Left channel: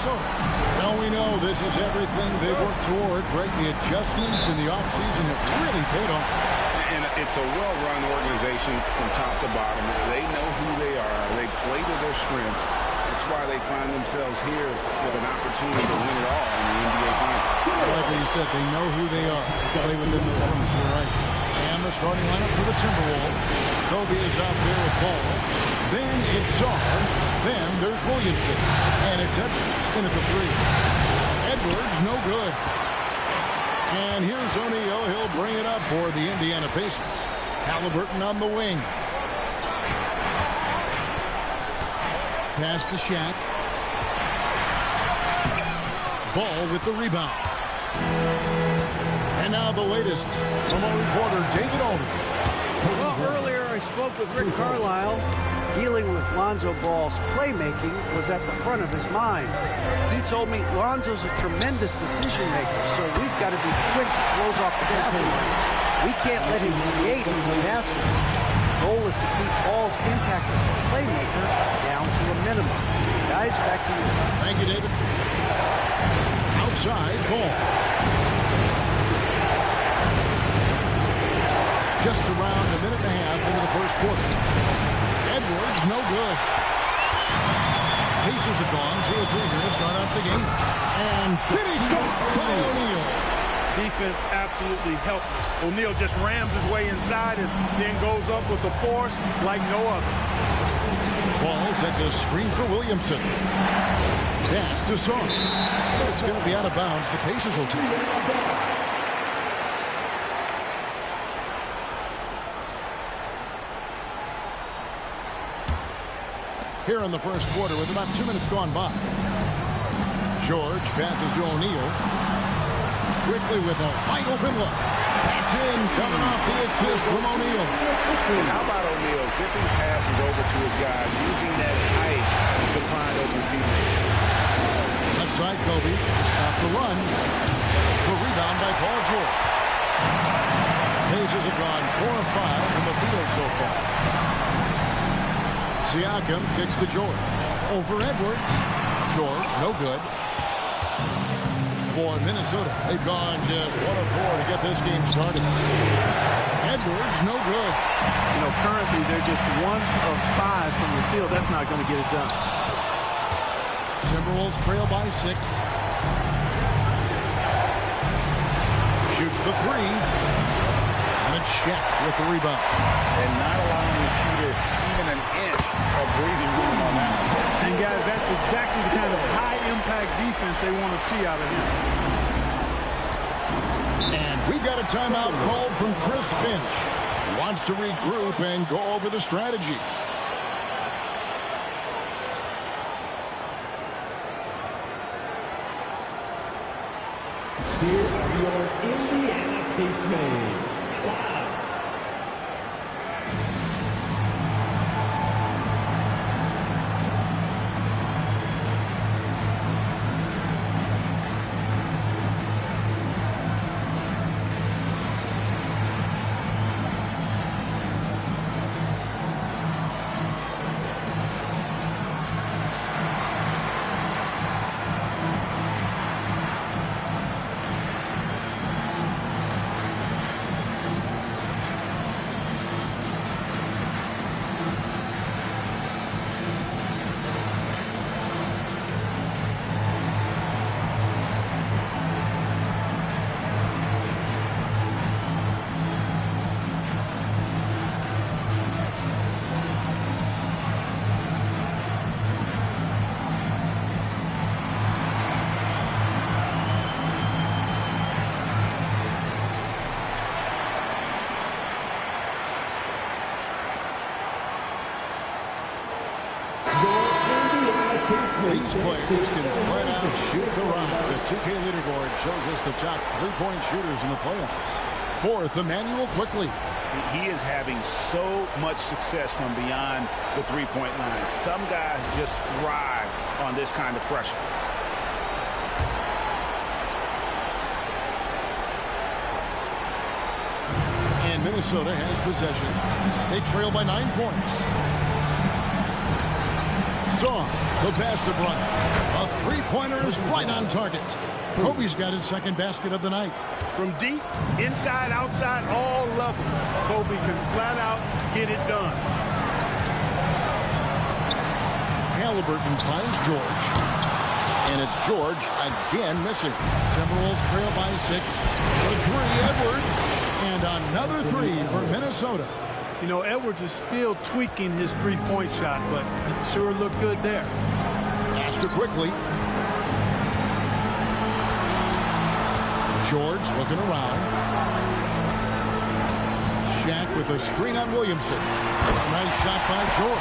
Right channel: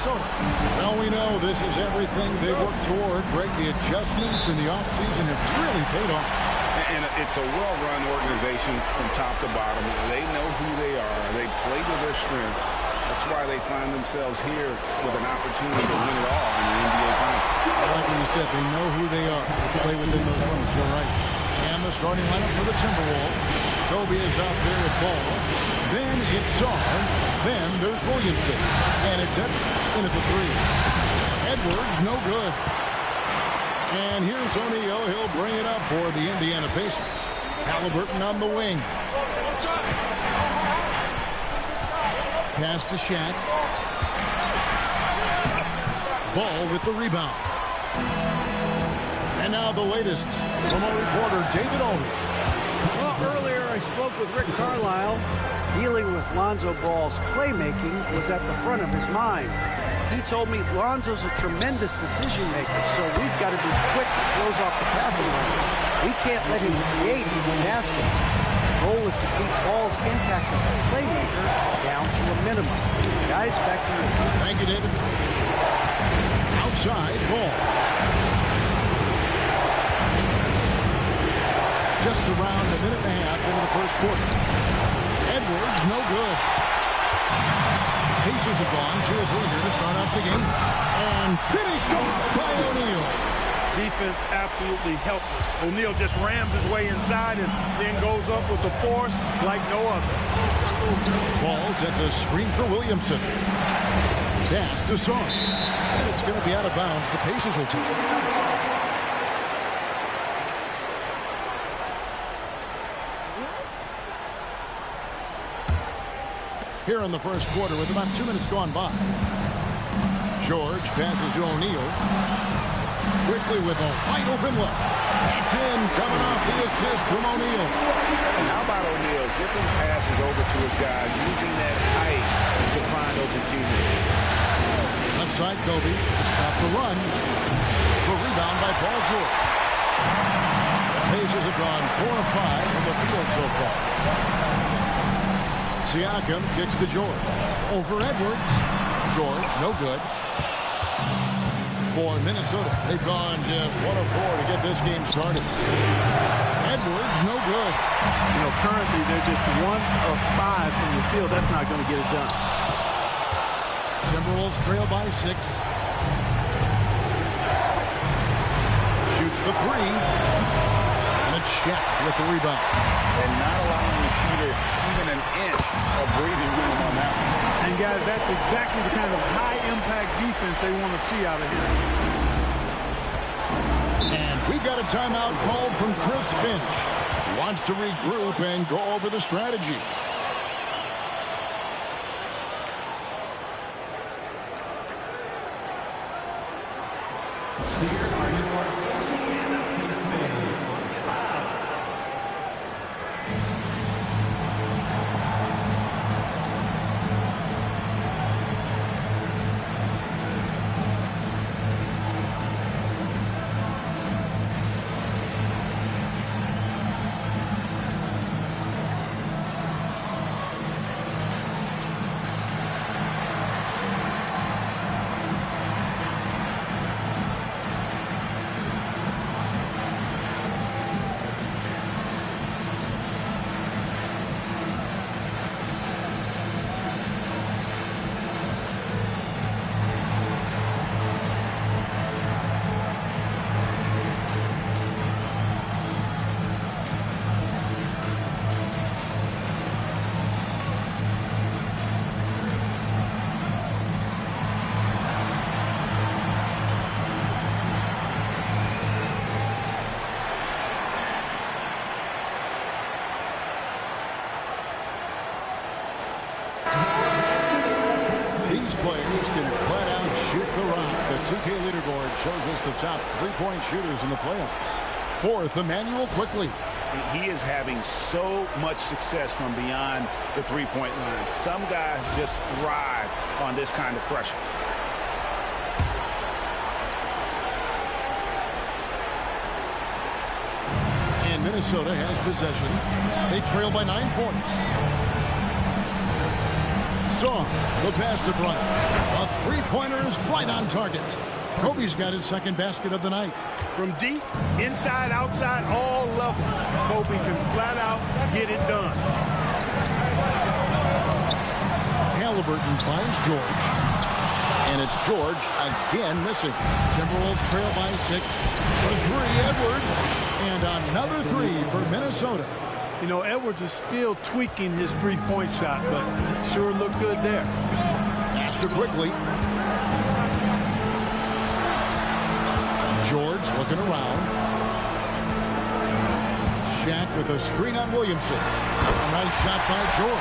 Minnesota. Well, we know this is everything they worked toward. Greg, the adjustments in the offseason have really paid off. And it's a well-run organization from top to bottom. They know who they are. They play to their strengths. That's why they find themselves here with an opportunity to win it all in the NBA Finals. Like what you said, they know who they are. They play within those limits. You're right. And the starting lineup for the Timberwolves. Kobe is out there with ball. Then it's Sarr. Then there's Williamson. And it's Edwards in at the three. Edwards, no good. And here's O'Neal. He'll bring it up for the Indiana Pacers. Halliburton on the wing. Pass to Shaq. Ball with the rebound. And now the latest from our reporter, David Aldridge. Well, earlier I spoke with Rick Carlisle. Dealing with Lonzo Ball's playmaking was at the front of his mind. He told me Lonzo's a tremendous decision maker, so we've got to be quick to close off the passing lanes. We can't let him create easy baskets. The goal is to keep Ball's impact as a playmaker down to a minimum. Guys, back to you. Thank you, David. Outside Ball. Just around a minute and a half into the first quarter. Edwards, no good. Pacers have gone 2 or 3 here to start out the game. And finished off by O'Neal. Defense absolutely helpless. O'Neal just rams his way inside and then goes up with the force like no other. Ball sets a screen for Williamson. Pass to Sarr. And it's going to be out of bounds. The Pacers will take it. Here in the first quarter with about 2 minutes gone by. George passes to O'Neal. Quickly with a wide open look. That's in, coming off the assist from O'Neal. And how about O'Neal zipping passes over to his guys, using that height to find open teammates. Left side Kobe to stop the run. The rebound by Paul George. Pacers have gone 4 of 5 from the field so far. Siakam kicks to George. Over Edwards. George, no good. For Minnesota, they've gone just 1 of 4 to get this game started. Edwards, no good. You know, currently they're just 1 of 5 from the field. That's not going to get it done. Timberwolves trail by 6. Shoots the 3. And it's Shaq with the rebound. And not allowing the shooter even an inch of breathing room on that one. And guys, that's exactly the kind of high-impact defense they want to see out of here. And we've got a timeout called from Chris Finch. He wants to regroup and go over the strategy. Here are your Indiana Pacers. These players can flat out shoot the rock. The 2K leaderboard shows us the top 3-point shooters in the playoffs. Fourth, Emmanuel Quickly. He is having so much success from beyond the 3-point line. Some guys just thrive on this kind of pressure. And Minnesota has possession. They trail by 9 points. It's off. The pass to Bryant. A three-pointer is right on target. Kobe's got his second basket of the night. From deep, inside, outside, all levels, Kobe can flat out get it done. Halliburton finds George. And it's George again missing. Timberwolves trail by 6. For 3, Edwards. And another 3 for Minnesota. You know, Edwards is still tweaking his three-point shot, but it sure looked good there. Master quickly. George looking around. Shaq with a screen on Williamson. A nice shot by George.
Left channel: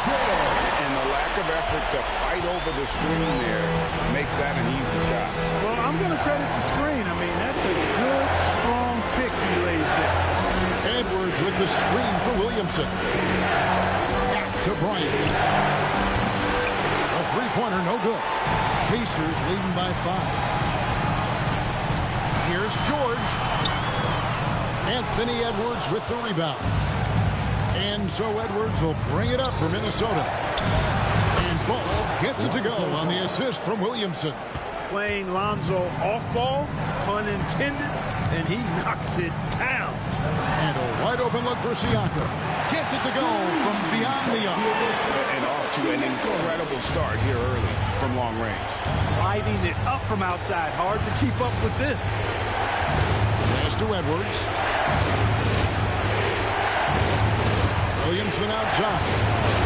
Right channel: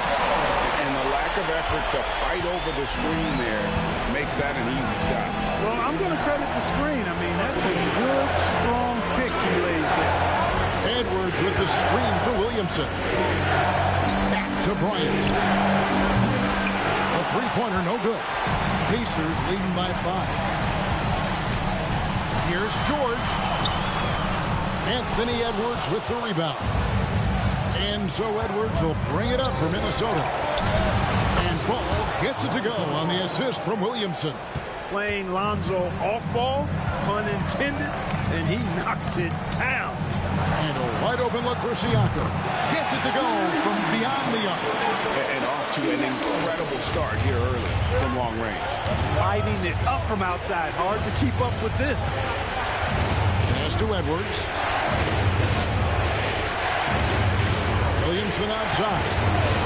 And the lack of effort to fight over the screen there makes that an easy shot. Well, I'm going to credit the screen. I mean, that's a good, strong pick he lays there. Edwards with the screen for Williamson. Back to Bryant. A three-pointer, no good. Pacers leading by 5. Here's George. Anthony Edwards with the rebound. And so Edwards will bring it up for Minnesota. And Ball gets it to go on the assist from Williamson. Playing Lonzo off ball, pun intended, and he knocks it down. And a wide open look for Siakam. Gets it to go from beyond the arc. And off to an incredible start here early from long range. Lighting it up from outside. Hard to keep up with this. Pass to Edwards. Williamson outside.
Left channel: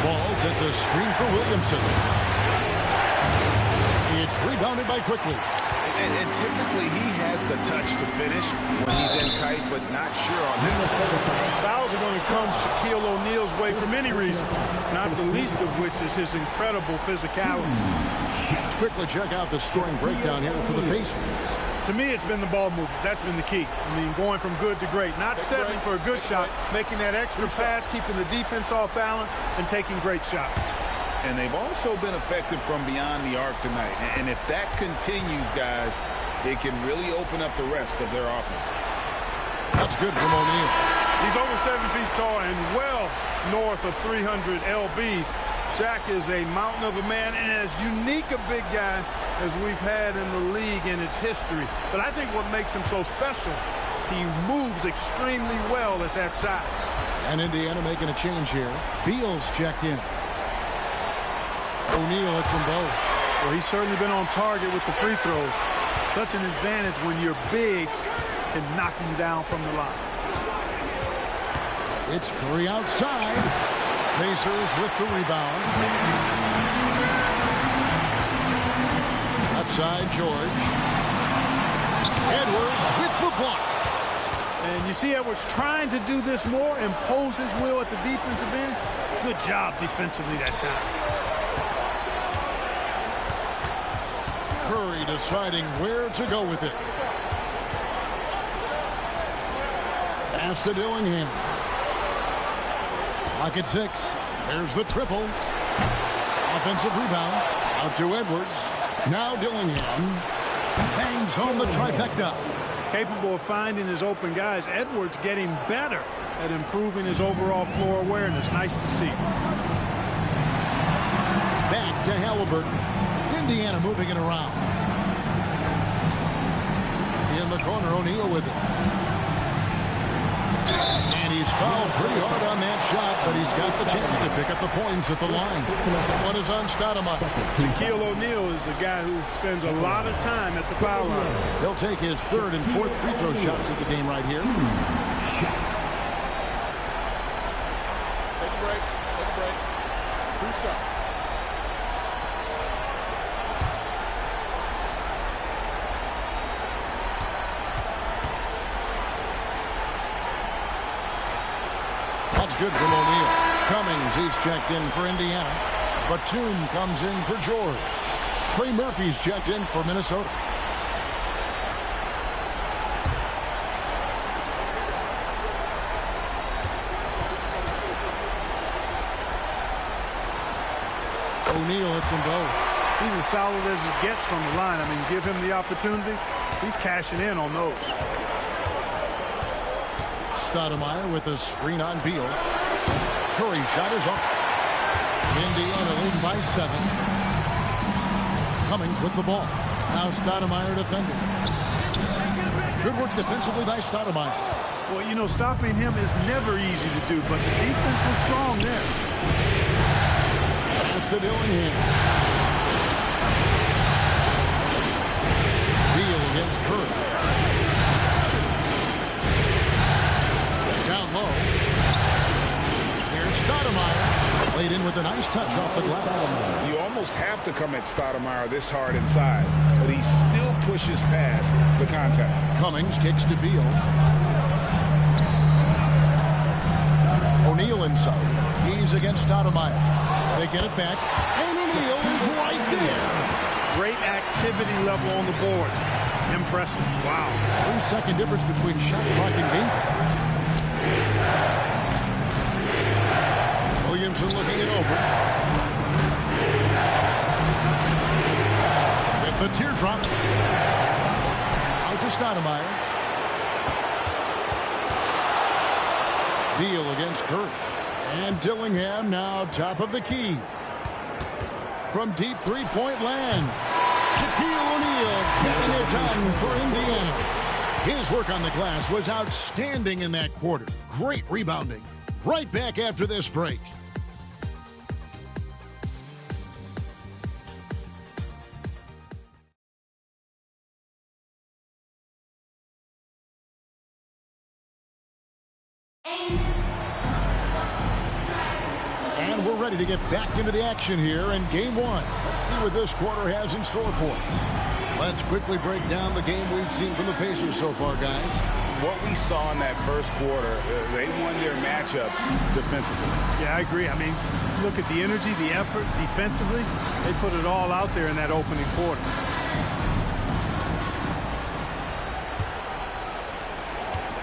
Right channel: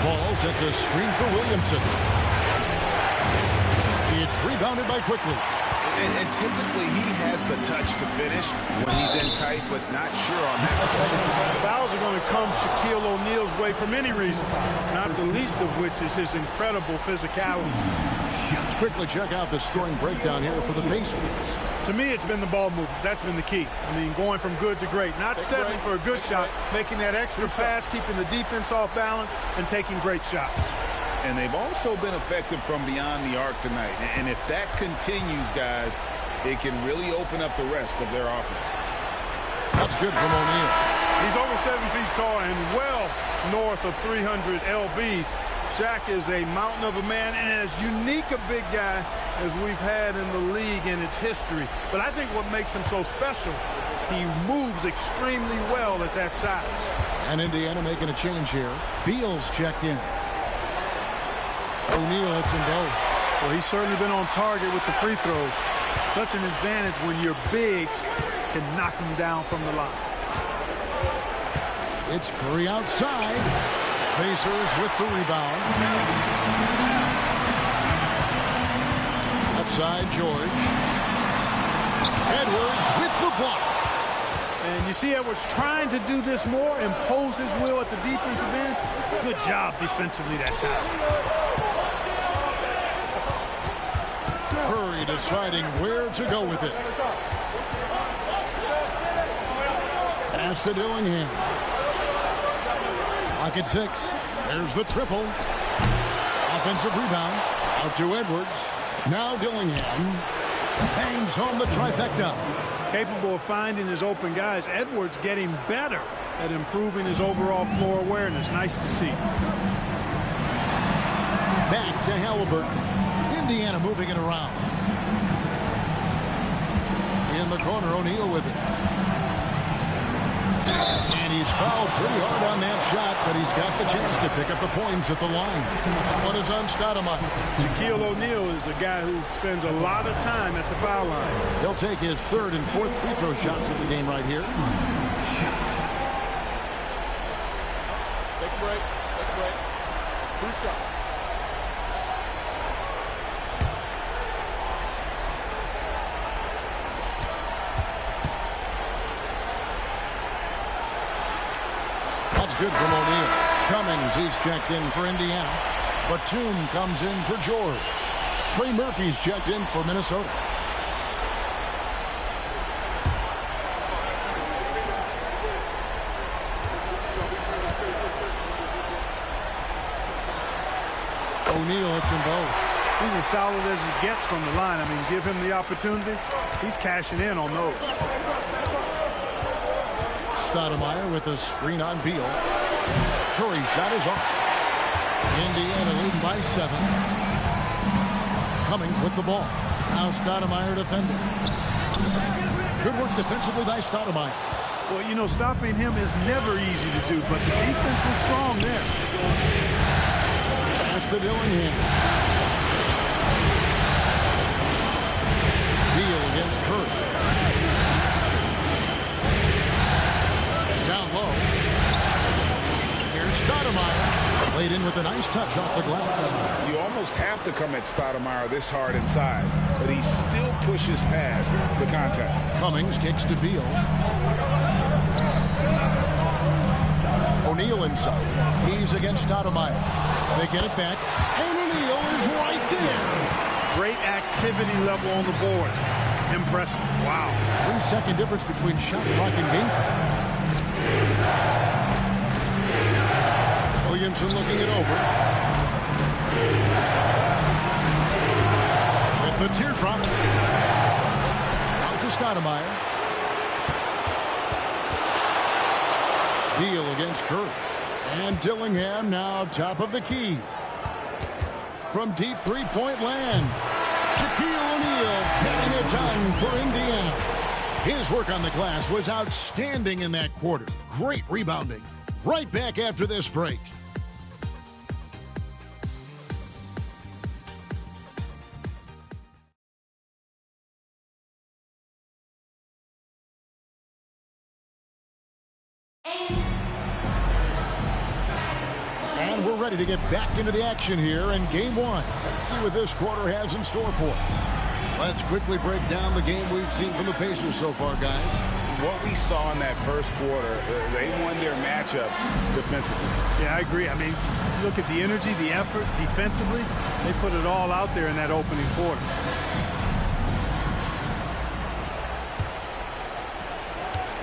Ball sets a screen for Williamson. It's rebounded by Quickly. And typically he has the touch to finish when he's in tight, but not sure on that possession. Fouls are going to come Shaquille O'Neal's way for many reasons, not the least of which is his incredible physicality. Let's quickly check out the scoring breakdown here for the Pacers. To me, it's been the ball movement. That's been the key. I mean, going from good to great. Not settling for a good shot, making that extra pass, keeping the defense off balance, and taking great shots. And they've also been effective from beyond the arc tonight. And if that continues, guys, it can really open up the rest of their offense. That's good from O'Neal. He's over 7 feet tall and well north of 300 lbs. Shaq is a mountain of a man and as unique a big guy as we've had in the league in its history. But I think what makes him so special, he moves extremely well at that size. And Indiana making a change here. Beal's checked in. O'Neal hits them both. Well, he's certainly been on target with the free throws. Such an advantage when your bigs can knock them down from the line. It's Curry outside. Pacers with the rebound. Left side, George. Edwards with the block. And you see Edwards trying to do this more, impose his will at the defensive end. Good job defensively that time. Curry deciding where to go with it. Pass to Dillingham. Clock at 6. There's the triple. Offensive rebound. Out to Edwards. Now Dillingham bangs home the trifecta. Capable of finding his open guys. Edwards getting better at improving his overall floor awareness. Nice to see. Back to Halliburton. Indiana moving it around. In the corner, O'Neal with it. And he's fouled pretty hard on that shot, but he's got the chance to pick up the points at the line. That one is on Stoudemire. Shaquille O'Neal is a guy who spends a lot of time at the foul line. He'll take his third and fourth free throw shots of the game right here. Take a break. Take a break. 2 shots. That's good from O'Neal. Cummings, he's checked in for Indiana. Batum comes in for George. Trey Murphy's checked in for Minnesota. O'Neal hits them both. He's as solid as it gets from the line. I mean, give him the opportunity. He's cashing in on those. Stoudemire with a screen on Beal. Curry shot is off. Indiana leading by 7. Cummings with the ball. Now Stoudemire defending. Good work defensively by Stoudemire. Well, you know, stopping him is never easy to do, but the defense was strong there. Pass to Dillingham. Beal against Curry. Down low. Here's Stoudemire. Played in with a nice touch off the glass. You almost have to come at Stoudemire this hard inside, but he still pushes past the contact. Cummings kicks to Beal. O'Neal inside. He's against Stoudemire. They get it back, and O'Neal is right there. Great activity level on the boards. Impressive. Wow. 3-second difference between shot clock and game clock. Williamson looking it over. With the teardrop. Out to Stoudemire. Beal against Curry. And Dillingham now top of the key. From deep three-point land. Shaquille O'Neal getting it done for Indiana. His work on the glass was outstanding in that quarter. Great rebounding. Right back after this break. And we're ready to get back into the action here in game one. Let's see what this quarter has in store for us. Let's quickly break down the game we've seen from the Pacers so far, guys. What we saw in that first quarter, they won their matchups defensively. Yeah, I agree. I mean, look at the energy, the effort defensively. They put it all out there in that opening quarter.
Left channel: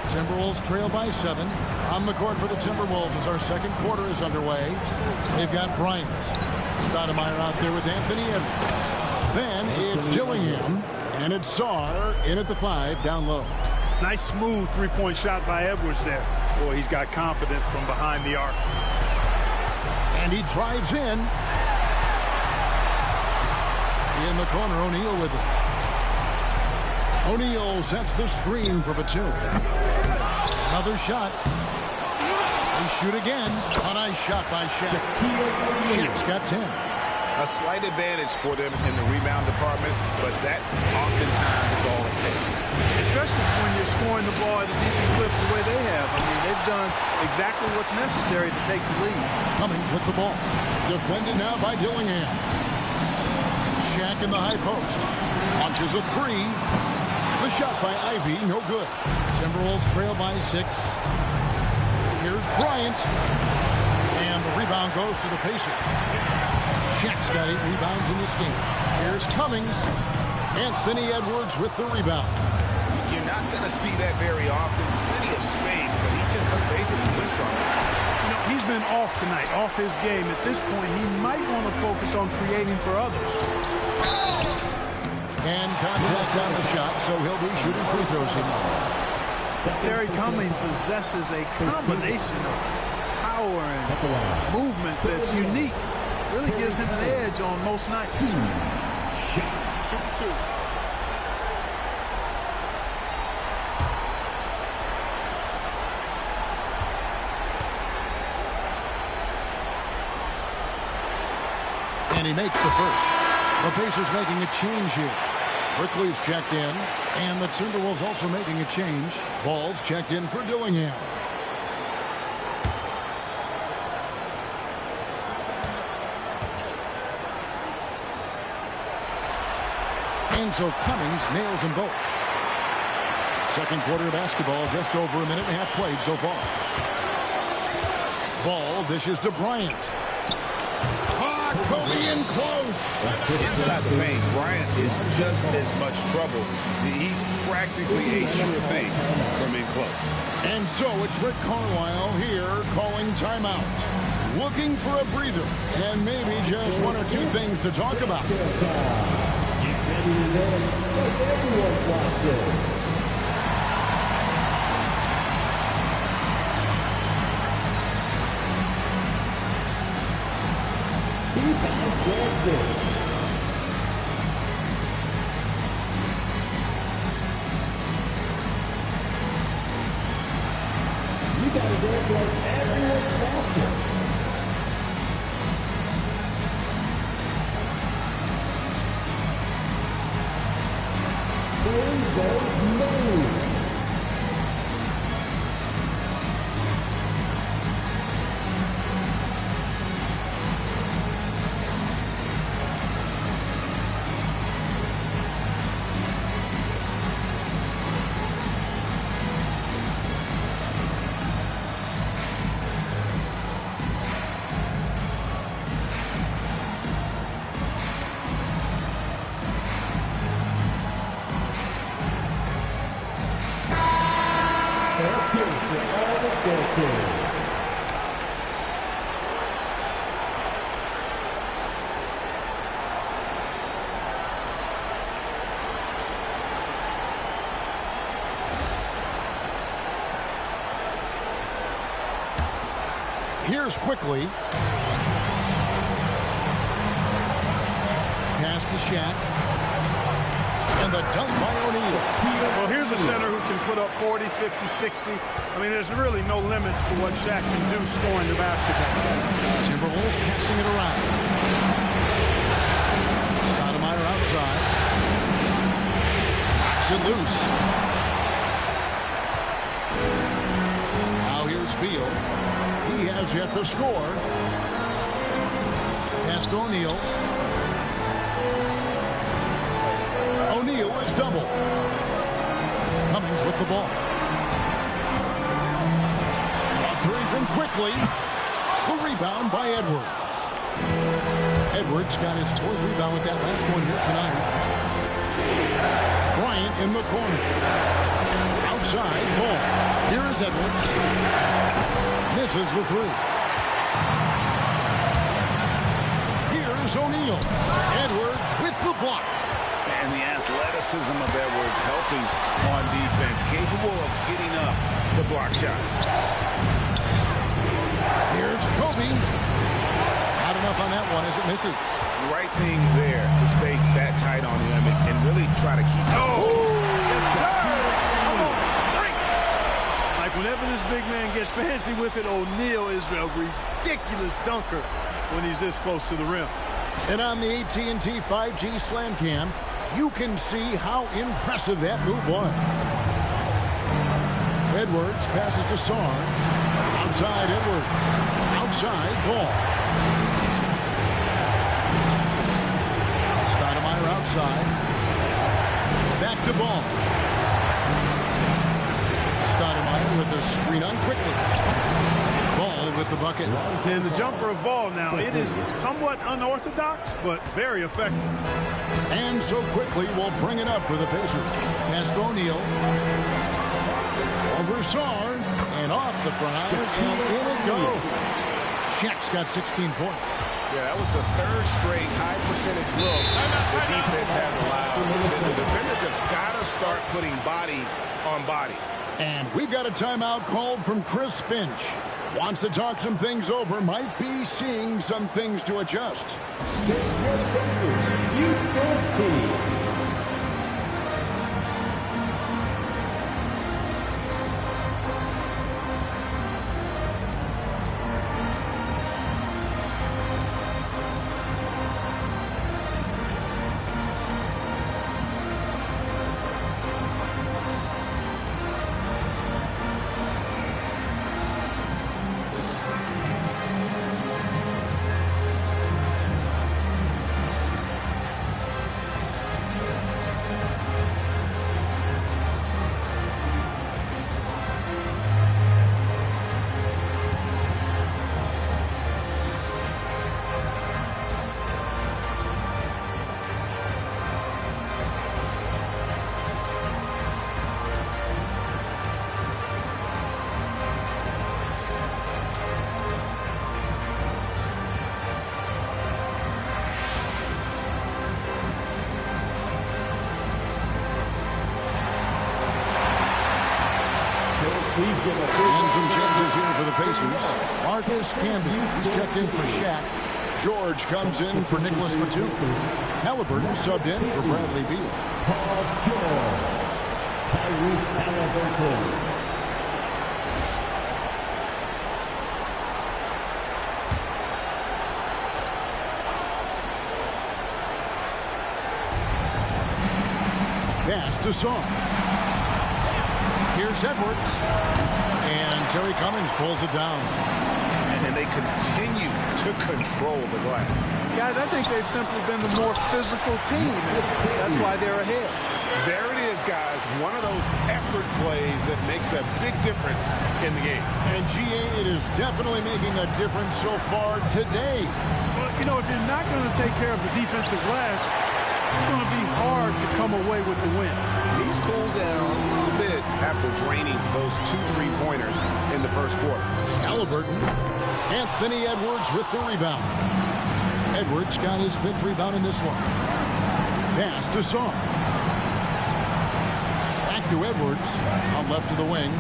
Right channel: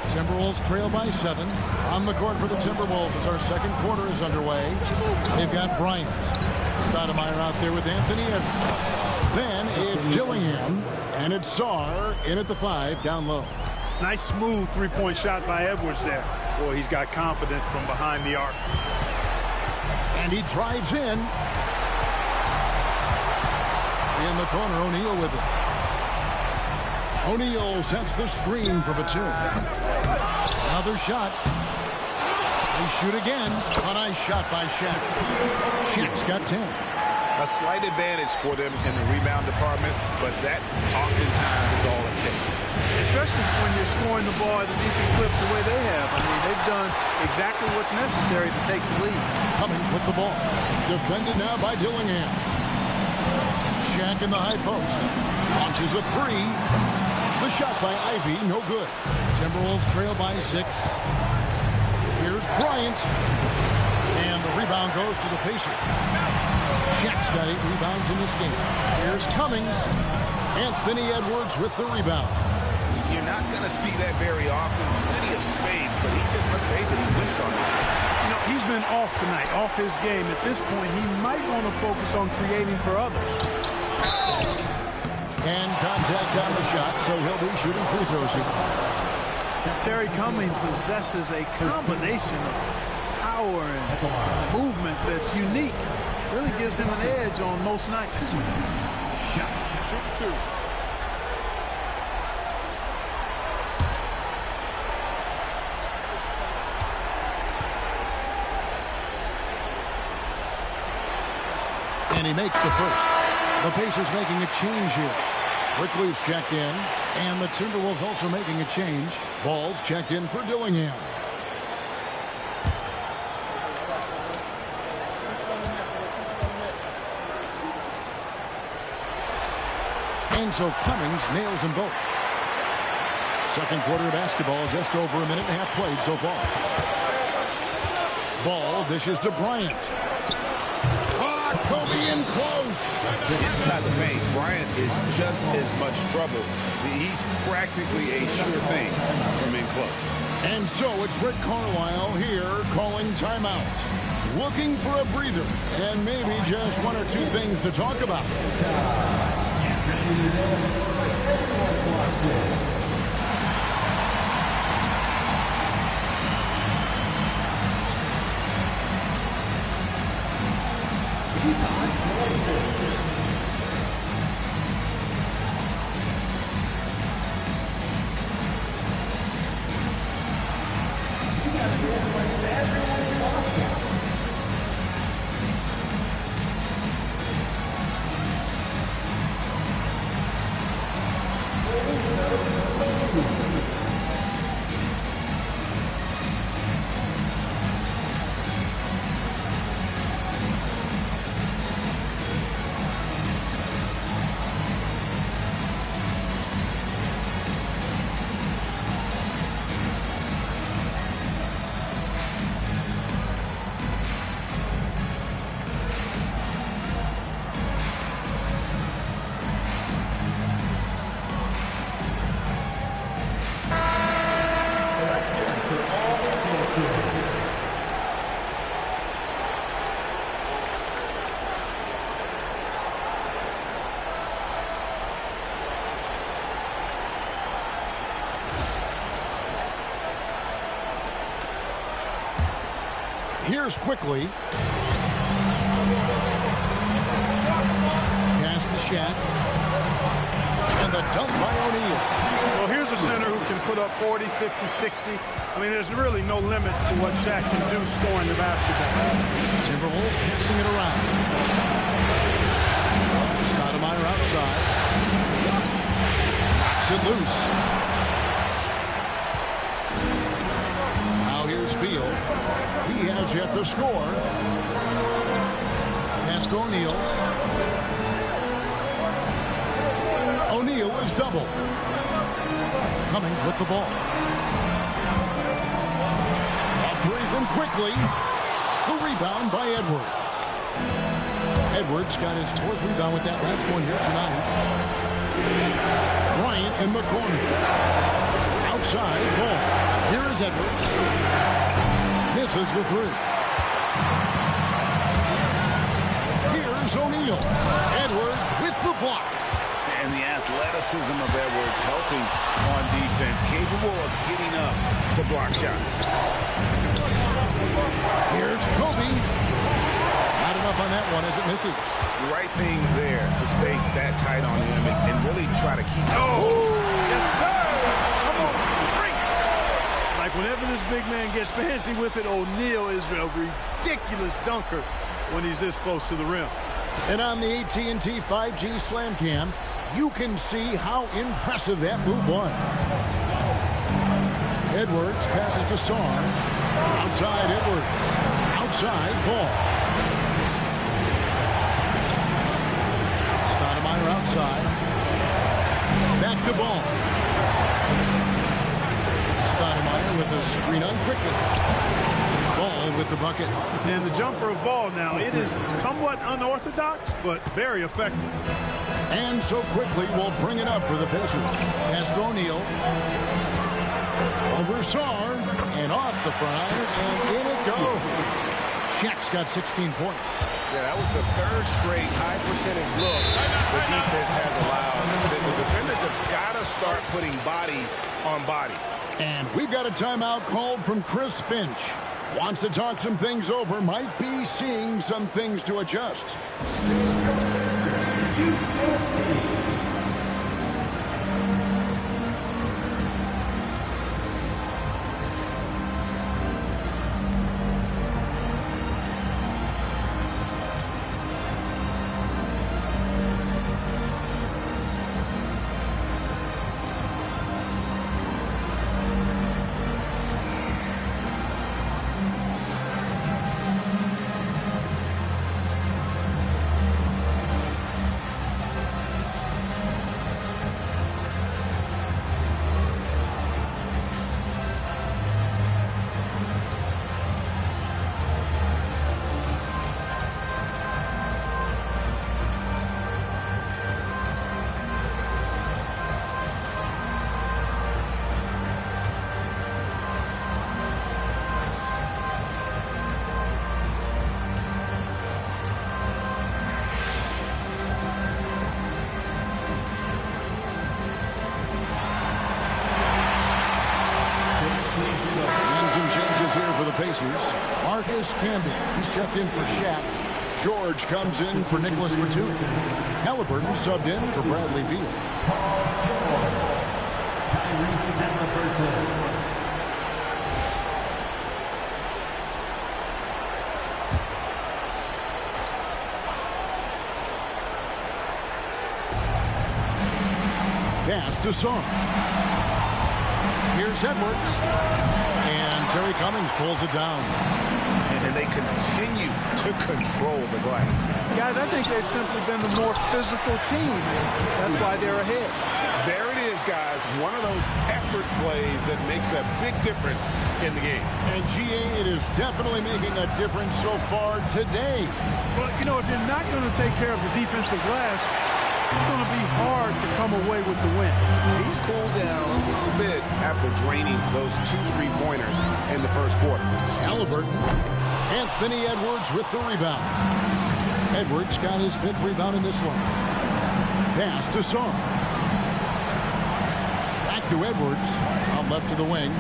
Timberwolves trail by 7. On the court for the Timberwolves as our second quarter is underway. They've got Bryant. Stoudemire out there with Anthony Edwards. Then it's Dillingham, and it's Sarr in at the 5 down low. Nice smooth three-point shot by Edwards there. Boy, he's got confidence from behind the arc. And he drives in. In the corner, O'Neal with it. O'Neal sets the screen for Batum. Another shot. They shoot again. A nice shot by Shaq. Shaq's got 10. A slight advantage for them in the rebound department, but that oftentimes is all it takes. Especially when you're scoring the ball at a decent clip the way they have. I mean, they've done exactly what's necessary to take the lead. Cummings with the ball. Defended now by Dillingham. Shaq in the high post. Launches a 3. The shot by Ivy, no good. Timberwolves trail by 6. Here's Bryant. And the rebound goes to the Pacers. Shaq's got 8 rebounds in this game. Here's Cummings. Anthony Edwards with the rebound. You're not going to see that very often. Plenty of space, but he just, let's face it, he whiffs on it. You know, he's been off tonight, off his game. At this point, he might want to focus on creating for others. And contact on the shot, so he'll be shooting free throws here. Terry Cummings possesses a combination of power and movement that's unique. Really gives him an edge on most nights. Shoot 2. And he makes the first. The Pacers making a change here. Quickly's checked in, and the Timberwolves also making a change. Ball's checked in for Dillingham. And so Cummings nails them both. Second quarter of basketball, just over a minute and a half played so far. Ball dishes to Bryant. Kobe in close. Inside the paint, Bryant is just as much trouble. He's practically a sure thing from in close. And so it's Rick Carlisle here calling timeout. Looking for a breather and maybe just 1 or 2 things to talk about. possession. Here's quickly. Pass to Shaq. And the dunk by O'Neal. Well, here's a center who can put up 40, 50, 60. I mean, there's really no limit to what Shaq can do scoring the basketball. Timberwolves passing it around. Stoudemire outside. Knocks it loose. Now here's Beal. He has yet to score. Pass to O'Neal. O'Neal is double. Cummings with the ball. A three from quickly. The rebound by Edwards. Edwards got his fourth rebound with that last one here tonight. Bryant in the corner. Outside ball. Here is Edwards. Misses the three. Here's O'Neal. Edwards with the block. And the athleticism of Edwards helping on defense, capable of getting up to block shots. Here's Kobe. Not enough on that one as it misses. The right thing there to stay that tight on him and really try to keep. Oh, yes, sir. Come on, bring it. Like whenever this big man gets fancy with it, O'Neal is a ridiculous dunker when he's this close to the rim. And on the AT&T 5G Slam Cam, you can see how impressive that move was. Edwards passes to Sarr. Outside Edwards. Outside ball. Stoudemire outside. Back to ball. Stoudemire with the screen on quickly. Ball with the bucket. And the jumper of Ball now, it is somewhat unorthodox, but very effective. And so quickly we'll bring it up for the Pacers. Pass to O'Neal. Over Sarr. And off the front iron. And in it goes. Shaq's got 16 points. Yeah, that was the third straight high percentage look the defense has allowed. The defenders have got to start putting bodies on bodies. And We've got a timeout called from Chris Finch. Wants to talk some things over. Might be seeing some things to adjust. Youth dance team. And some changes here for the Pacers. Marcus Camby, he's checked in for Shaq. George comes in for Nicholas Batum. Halliburton subbed in for Bradley Beal. Paul George. Tyrese Halliburton. Pass to Sarr. Here's Edwards. And Terry Cummings pulls it down. And they continue to control the glass. Guys, I think they've simply been the more physical team. That's why they're ahead. There it is, guys. One of those effort plays that makes a big difference in the game. And GA, it is definitely making a difference so far today. Well, you know, if you're not going to take care of the defensive glass, it's going to be hard to come away with the win. He's cooled down a little bit after draining those 2 3-pointers in the first quarter. Halliburton. Anthony Edwards with the rebound. Edwards got his 5th rebound in this one. Pass to Song. Back to Edwards. Out left to the wing.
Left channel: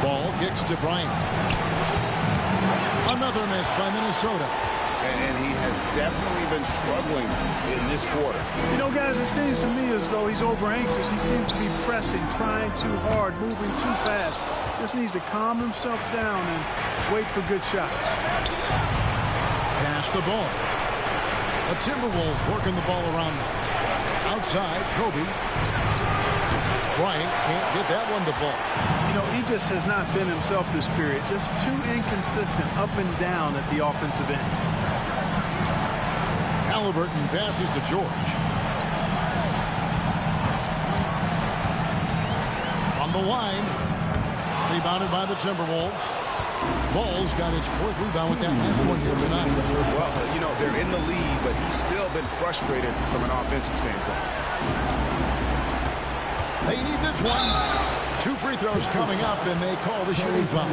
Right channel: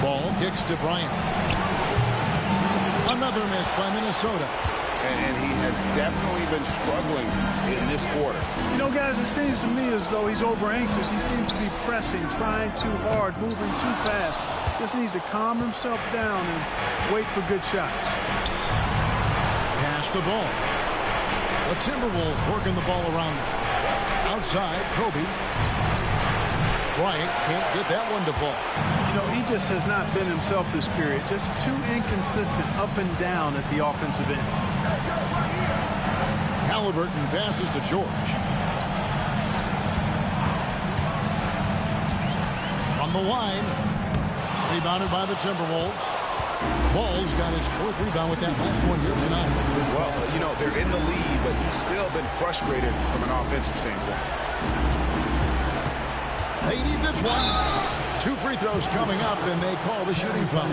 Ball kicks to Bryant. Another miss by Minnesota. And he has definitely been struggling in this quarter. You know, guys, it seems to me as though he's over anxious. He seems to be pressing, trying too hard, moving too fast. Just needs to calm himself down and wait for good shots. Pass the ball. The Timberwolves working the ball around them. Outside, Kobe. Bryant can't get that one to fall. You know, he just has not been himself this period. Just too inconsistent up and down at the offensive end. Halliburton passes to George. From the line. Rebounded by the Timberwolves. Ball's got his 4th rebound with that last one here tonight. Well, you know, they're in the lead, but he's still been frustrated from an offensive standpoint. They need this one. 2 free throws coming up, and they call the shooting foul.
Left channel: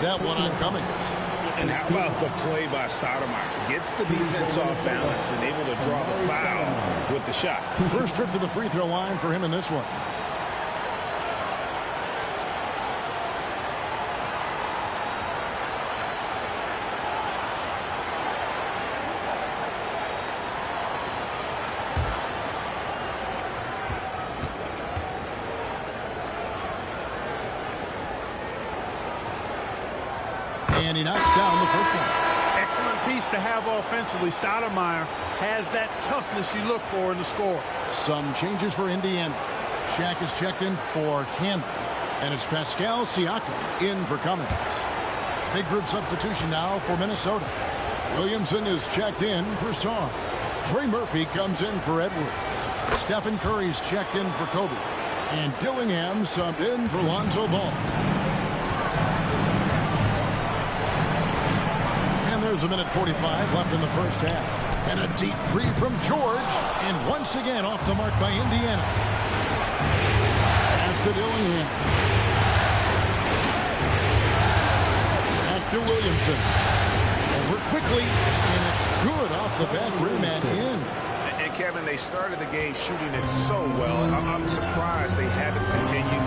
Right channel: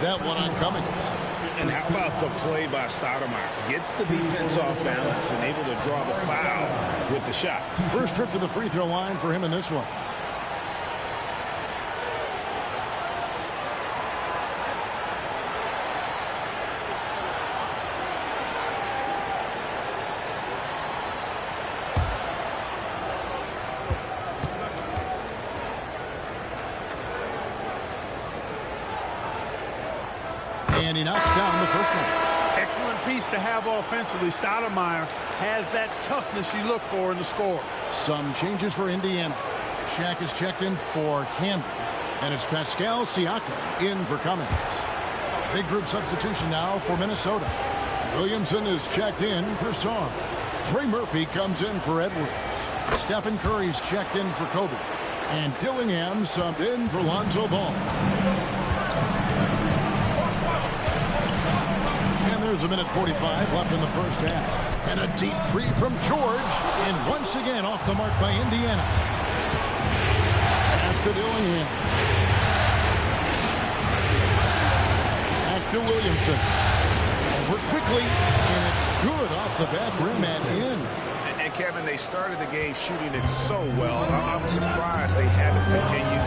That one on Cummings. And how about the play by Stoudemire? Gets the defense off balance and able to draw the foul with the shot. First trip to the free throw line for him in this one. And he knocks down the first one. Excellent piece to have offensively. Stoudemire has that toughness you look for in the score. Some changes for Indiana. Shaq is checked in for Campbell. And it's Pascal Siakam in for Cummings. Big group substitution now for Minnesota. Williamson is checked in for Song. Trey Murphy comes in for Edwards. Stephen Curry's checked in for Kobe. And Dillingham subbed in for Lonzo Ball. And there's a minute 45 left in the first half. And a deep 3 from George. And once again off the mark by Indiana. Pass to Dillingham. Back to Williamson. Over quickly. And it's good off the back rim and in. And Kevin, they started the game shooting it so well. I'm surprised they haven't continued.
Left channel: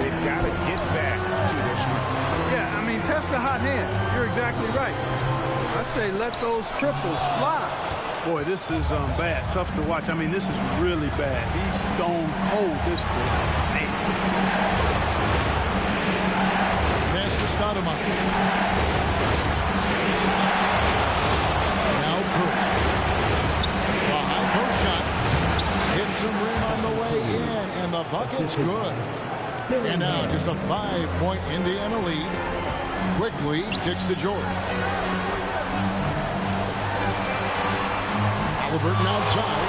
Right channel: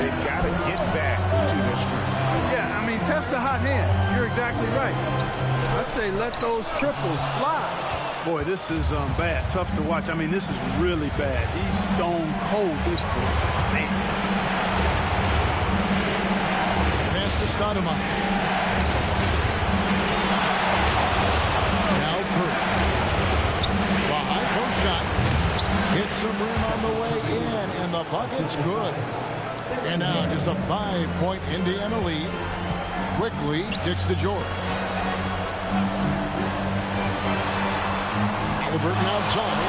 They've got to get back to their strength. Yeah, I mean, test the hot hand. You're exactly right. I say let those triples fly. Boy, this is bad. Tough to watch. I mean, this is really bad. He's stone cold this quarter. Man. Pass to Stoudemire. Now Curry. The high post shot. Hits some rim on the way in, and the bucket's good. And now just a 5-point Indiana lead. Quickly kicks to George. Halliburton outside.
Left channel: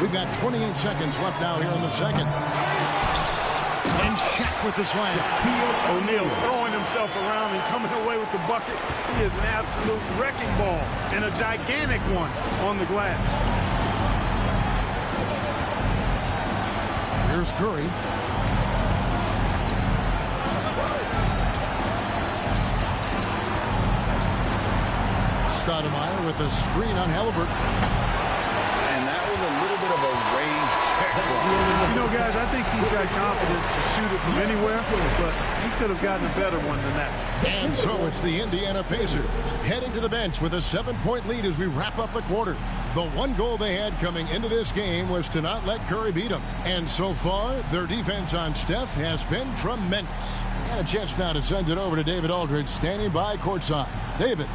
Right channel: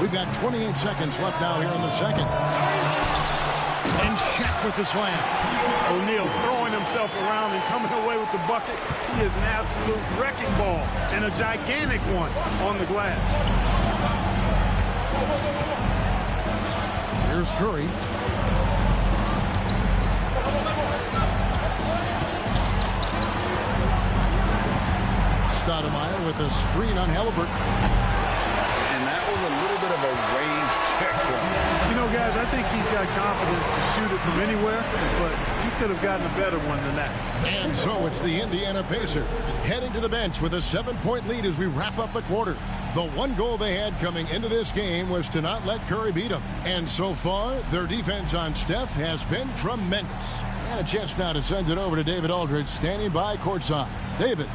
We've got 28 seconds left now here in the second. And Shaq with the slam. O'Neal throwing himself around and coming away with the bucket. He is an absolute wrecking ball and a gigantic one on the glass. Here's Curry. Stoudemire with a screen on Halliburton. And that was a little bit of a range check for him. You know, guys, I think he's got confidence to shoot it from anywhere, but he could have gotten a better one than that. And so it's the Indiana Pacers heading to the bench with a 7-point lead as we wrap up the quarter. The one goal they had coming into this game was to not let Curry beat them. And so far, their defense on Steph has been tremendous. And a chance now to send it over to David Aldridge, standing by courtside. David.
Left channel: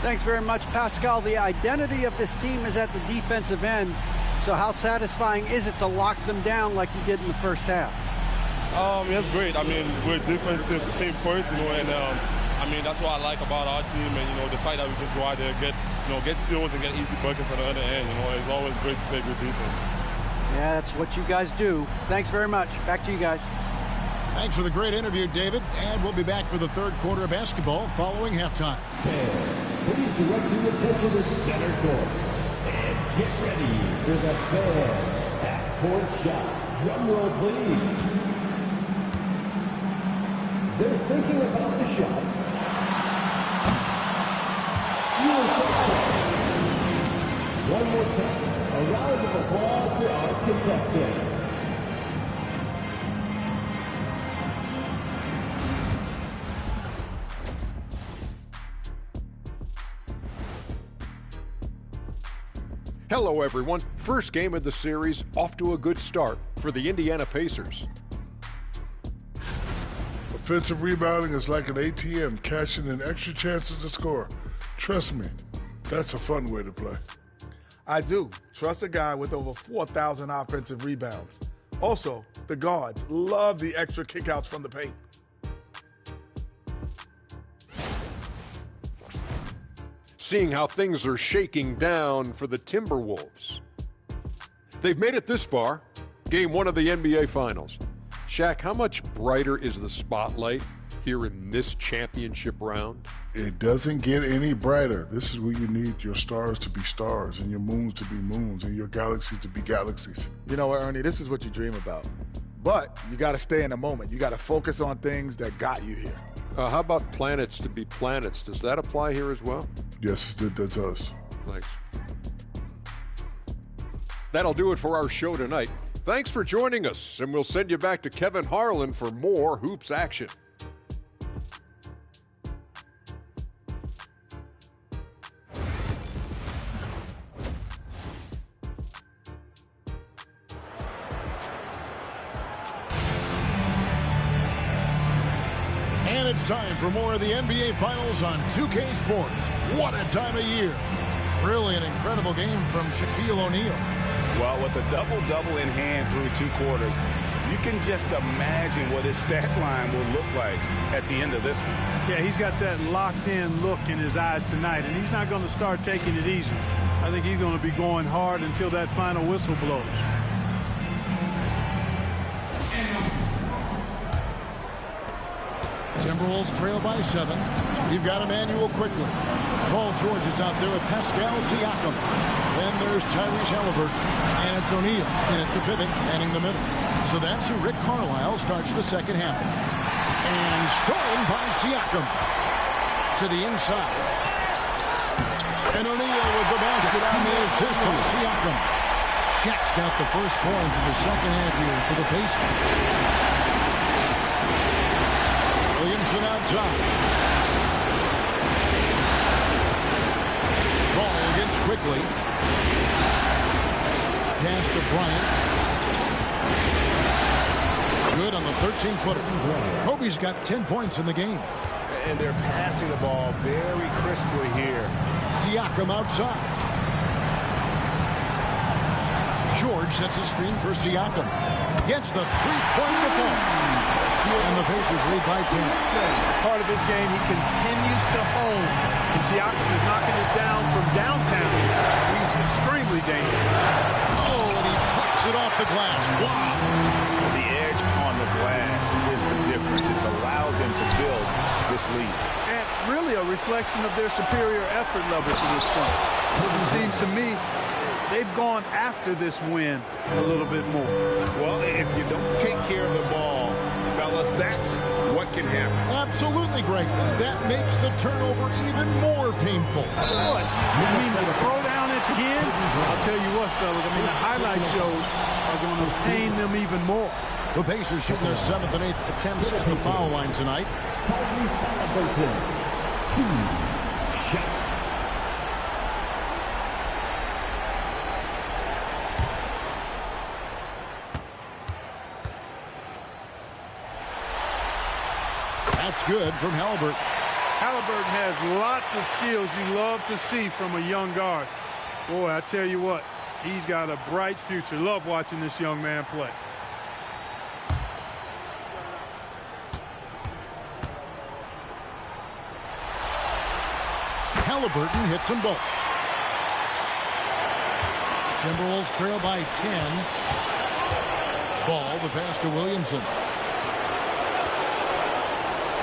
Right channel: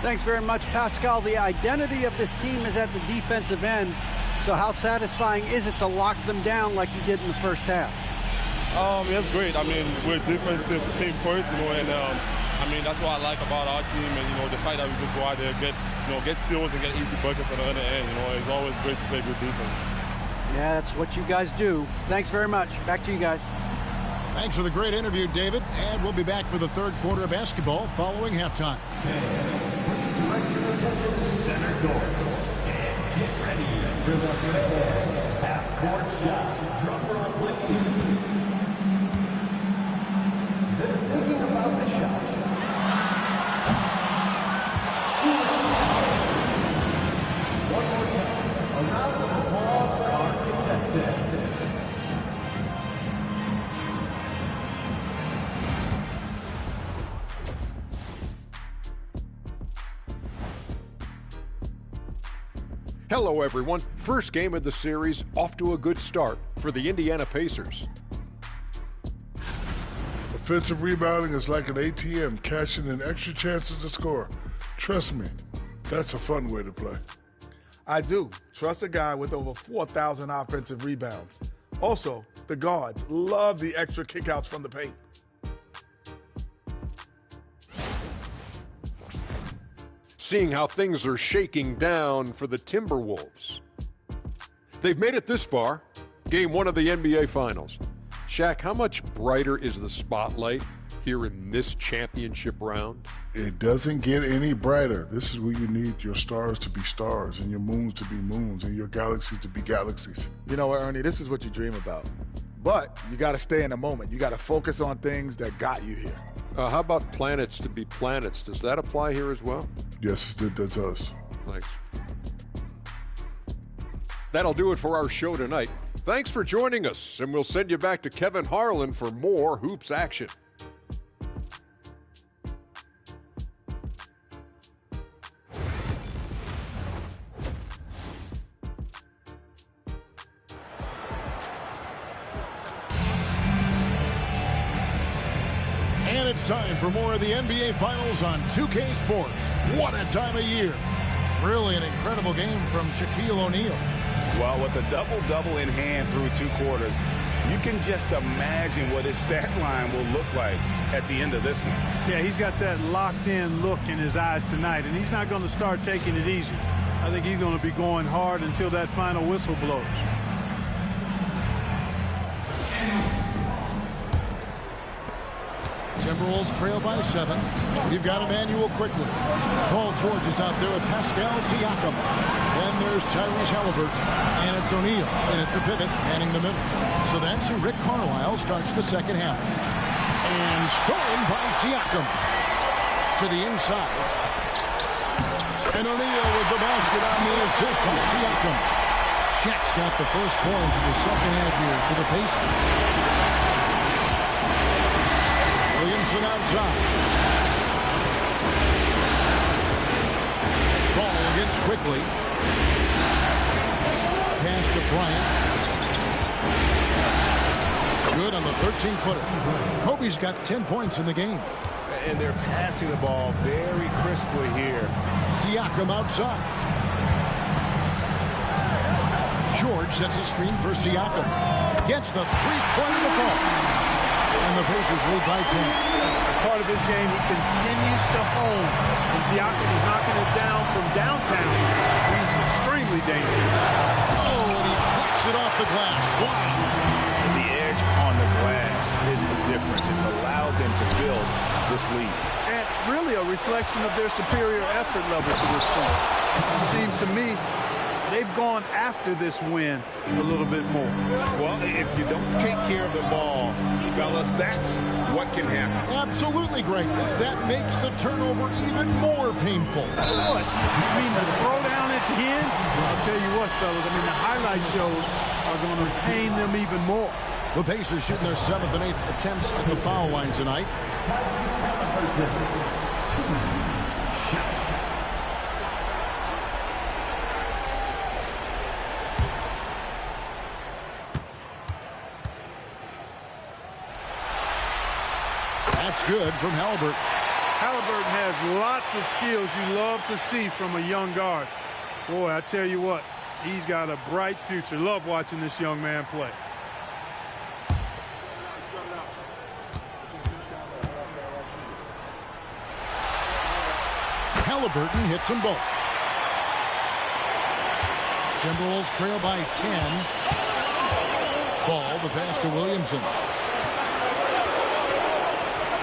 Thanks very much, Pascal. The identity of this team is at the defensive end. So how satisfying is it to lock them down like you did in the first half? It's great. I mean, we're a defensive team first, and I mean, that's what I like about our team, and the fact that we just go out there, get steals and get easy buckets on the other end. It's always great to play good defense. Yeah, that's what you guys do. Thanks very much. Back to you guys. Thanks for the great interview, David. And we'll be back for the third quarter of basketball following halftime. Please direct your attention to center court. And get ready for the fan half-court shot. Drum roll, please. They're thinking about the shot. One more time. A round of applause for our contestant. Hello, everyone. First game of the series, off to a good start for the Indiana Pacers. Offensive rebounding is like an ATM, cashing in extra chances to score. Trust me, that's a fun way to play. I do. Trust a guy with over 4,000 offensive rebounds. Also, the guards love the extra kickouts from the paint. Seeing how things are shaking down for the Timberwolves. They've made it this far, game one of the NBA Finals. Shaq, how much brighter is the spotlight here in this championship round? It doesn't get any brighter. This is where you need your stars to be stars and your moons to be moons and your galaxies to be galaxies. You know what, Ernie? This is what you dream about. But you got to stay in the moment. You got to focus on things that got you here. How about planets to be planets? Does that apply here as well? Yes, it does. Thanks. That'll do it for our show tonight. Thanks for joining us, and we'll send you back to Kevin Harlan for more hoops action. And it's time for more of the NBA Finals on 2K Sports. What a time of year. Really an incredible game from Shaquille O'Neal. Well, with a double-double in hand through two quarters, you can just imagine what his stat line will look like at the end of this one. Yeah, he's got that locked-in look in his eyes tonight, and he's not going to start taking it easy. I think he's going to be going hard until that final whistle blows. Timberwolves trail by 7. We've got Emmanuel quickly. Paul George is out there with Pascal Siakam. Then there's Tyrese Halliburton. And it's O'Neal in at the pivot, manning the middle. So that's who Rick Carlisle starts the second half. And stolen by Siakam. To the inside. And O'Neal with the basket on the assist by Siakam. Shaq's got the first points of the second half here for the Pacers. Williamson outside. Ball against quickly. Pass to Bryant. Good on the 13-footer. Kobe's got 10 points in the game. And they're passing the ball very crisply here. Siakam outside. George sets a screen for Siakam. Gets the three-point to fall. And the Pacers lead by 10. Part of his game, he continues to hone. And Siakam is knocking it down from downtown. He's extremely dangerous. Oh, and he plucks it off the glass. Wow. The edge on the glass is the difference. It's allowed them to build this lead. And really a reflection of their superior effort level to this point. It seems to me they've gone after this win a little bit more. Well, if you don't take care of the ball, fellas, that's what can happen. Absolutely, Greg. That makes the turnover even more painful. What? You mean the throwdown at the end? I'll tell you what, fellas. I mean, the highlight shows are going to pain them even more. The Pacers shooting their 7th and 8th attempts at the foul line tonight. Tyrese Halliburton, 2 shots. That's good from Halliburton. Halliburton has lots of skills you love to see from a young guard. Boy, I tell you what, he's got a bright future. Love watching this young man play. Halliburton hits them both. Timberwolves trail by 10. Ball, the pass to Williamson.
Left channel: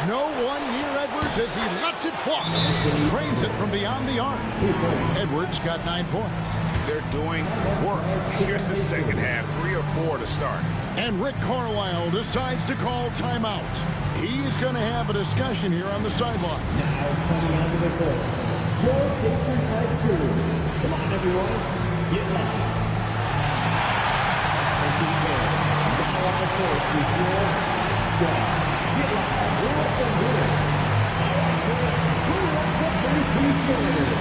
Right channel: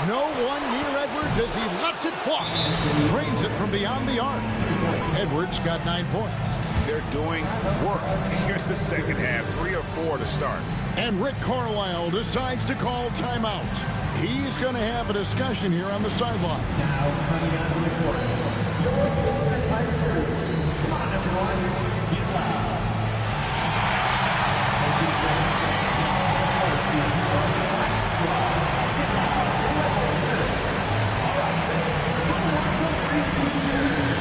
No one near Edwards as he lets it fly. Drains it from beyond the arc. Edwards got 9 points. They're doing work here in the second half. 3 or 4 to start. And Rick Carlisle decides to call timeout. He's going to have a discussion here on the sideline. Now coming onto the court, your Pacers Hype crew. Come on, everyone. Get loud. Now on the court is your squad. Get loud. Let them hear it. All right, who wants a 3-2 series?